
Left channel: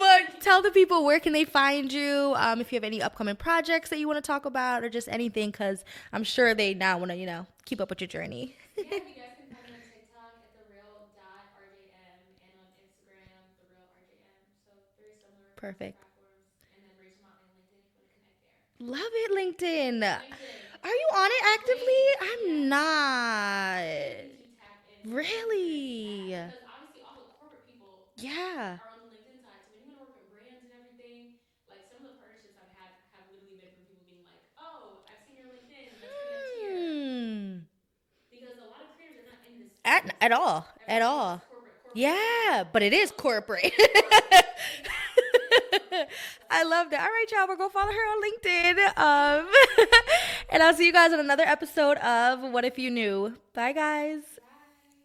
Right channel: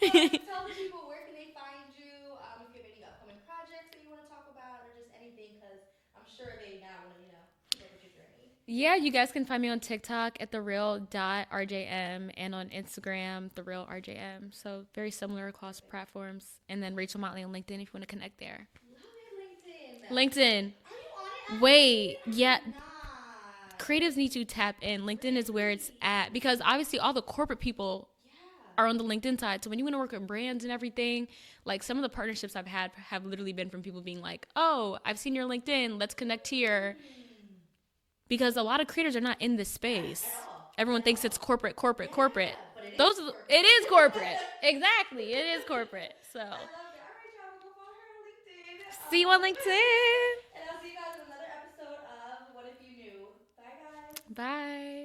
But tell the people, where can they find you? If you have any upcoming projects that you want to talk about or just anything, because I'm sure they now want to, keep up with your journey. Yeah, you guys can find me on TikTok at thereal.rjm and on Instagram, therealrjm. So very similar across platforms. And then Rachel Motley on LinkedIn if you want to connect there. Love it, LinkedIn. LinkedIn. Are you on it actively? Wait, I'm not. Creatives need to tap in. LinkedIn is where it's at, because obviously all the corporate people are on the LinkedIn side. So when you want to work with brands and everything, like some of the partnerships I've had have literally been from people being like, oh, I've seen your LinkedIn. Let's connect here. Because a lot of creators are not in this space. At all. Everyone thinks it's corporate. Yeah, but it is corporate. It is corporate. Exactly. It is corporate. So. I love that. All right, y'all. We're going to follow her on LinkedIn. See you on LinkedIn. And I'll see you guys on another episode of What If You Knew. Bye, guys. Bye.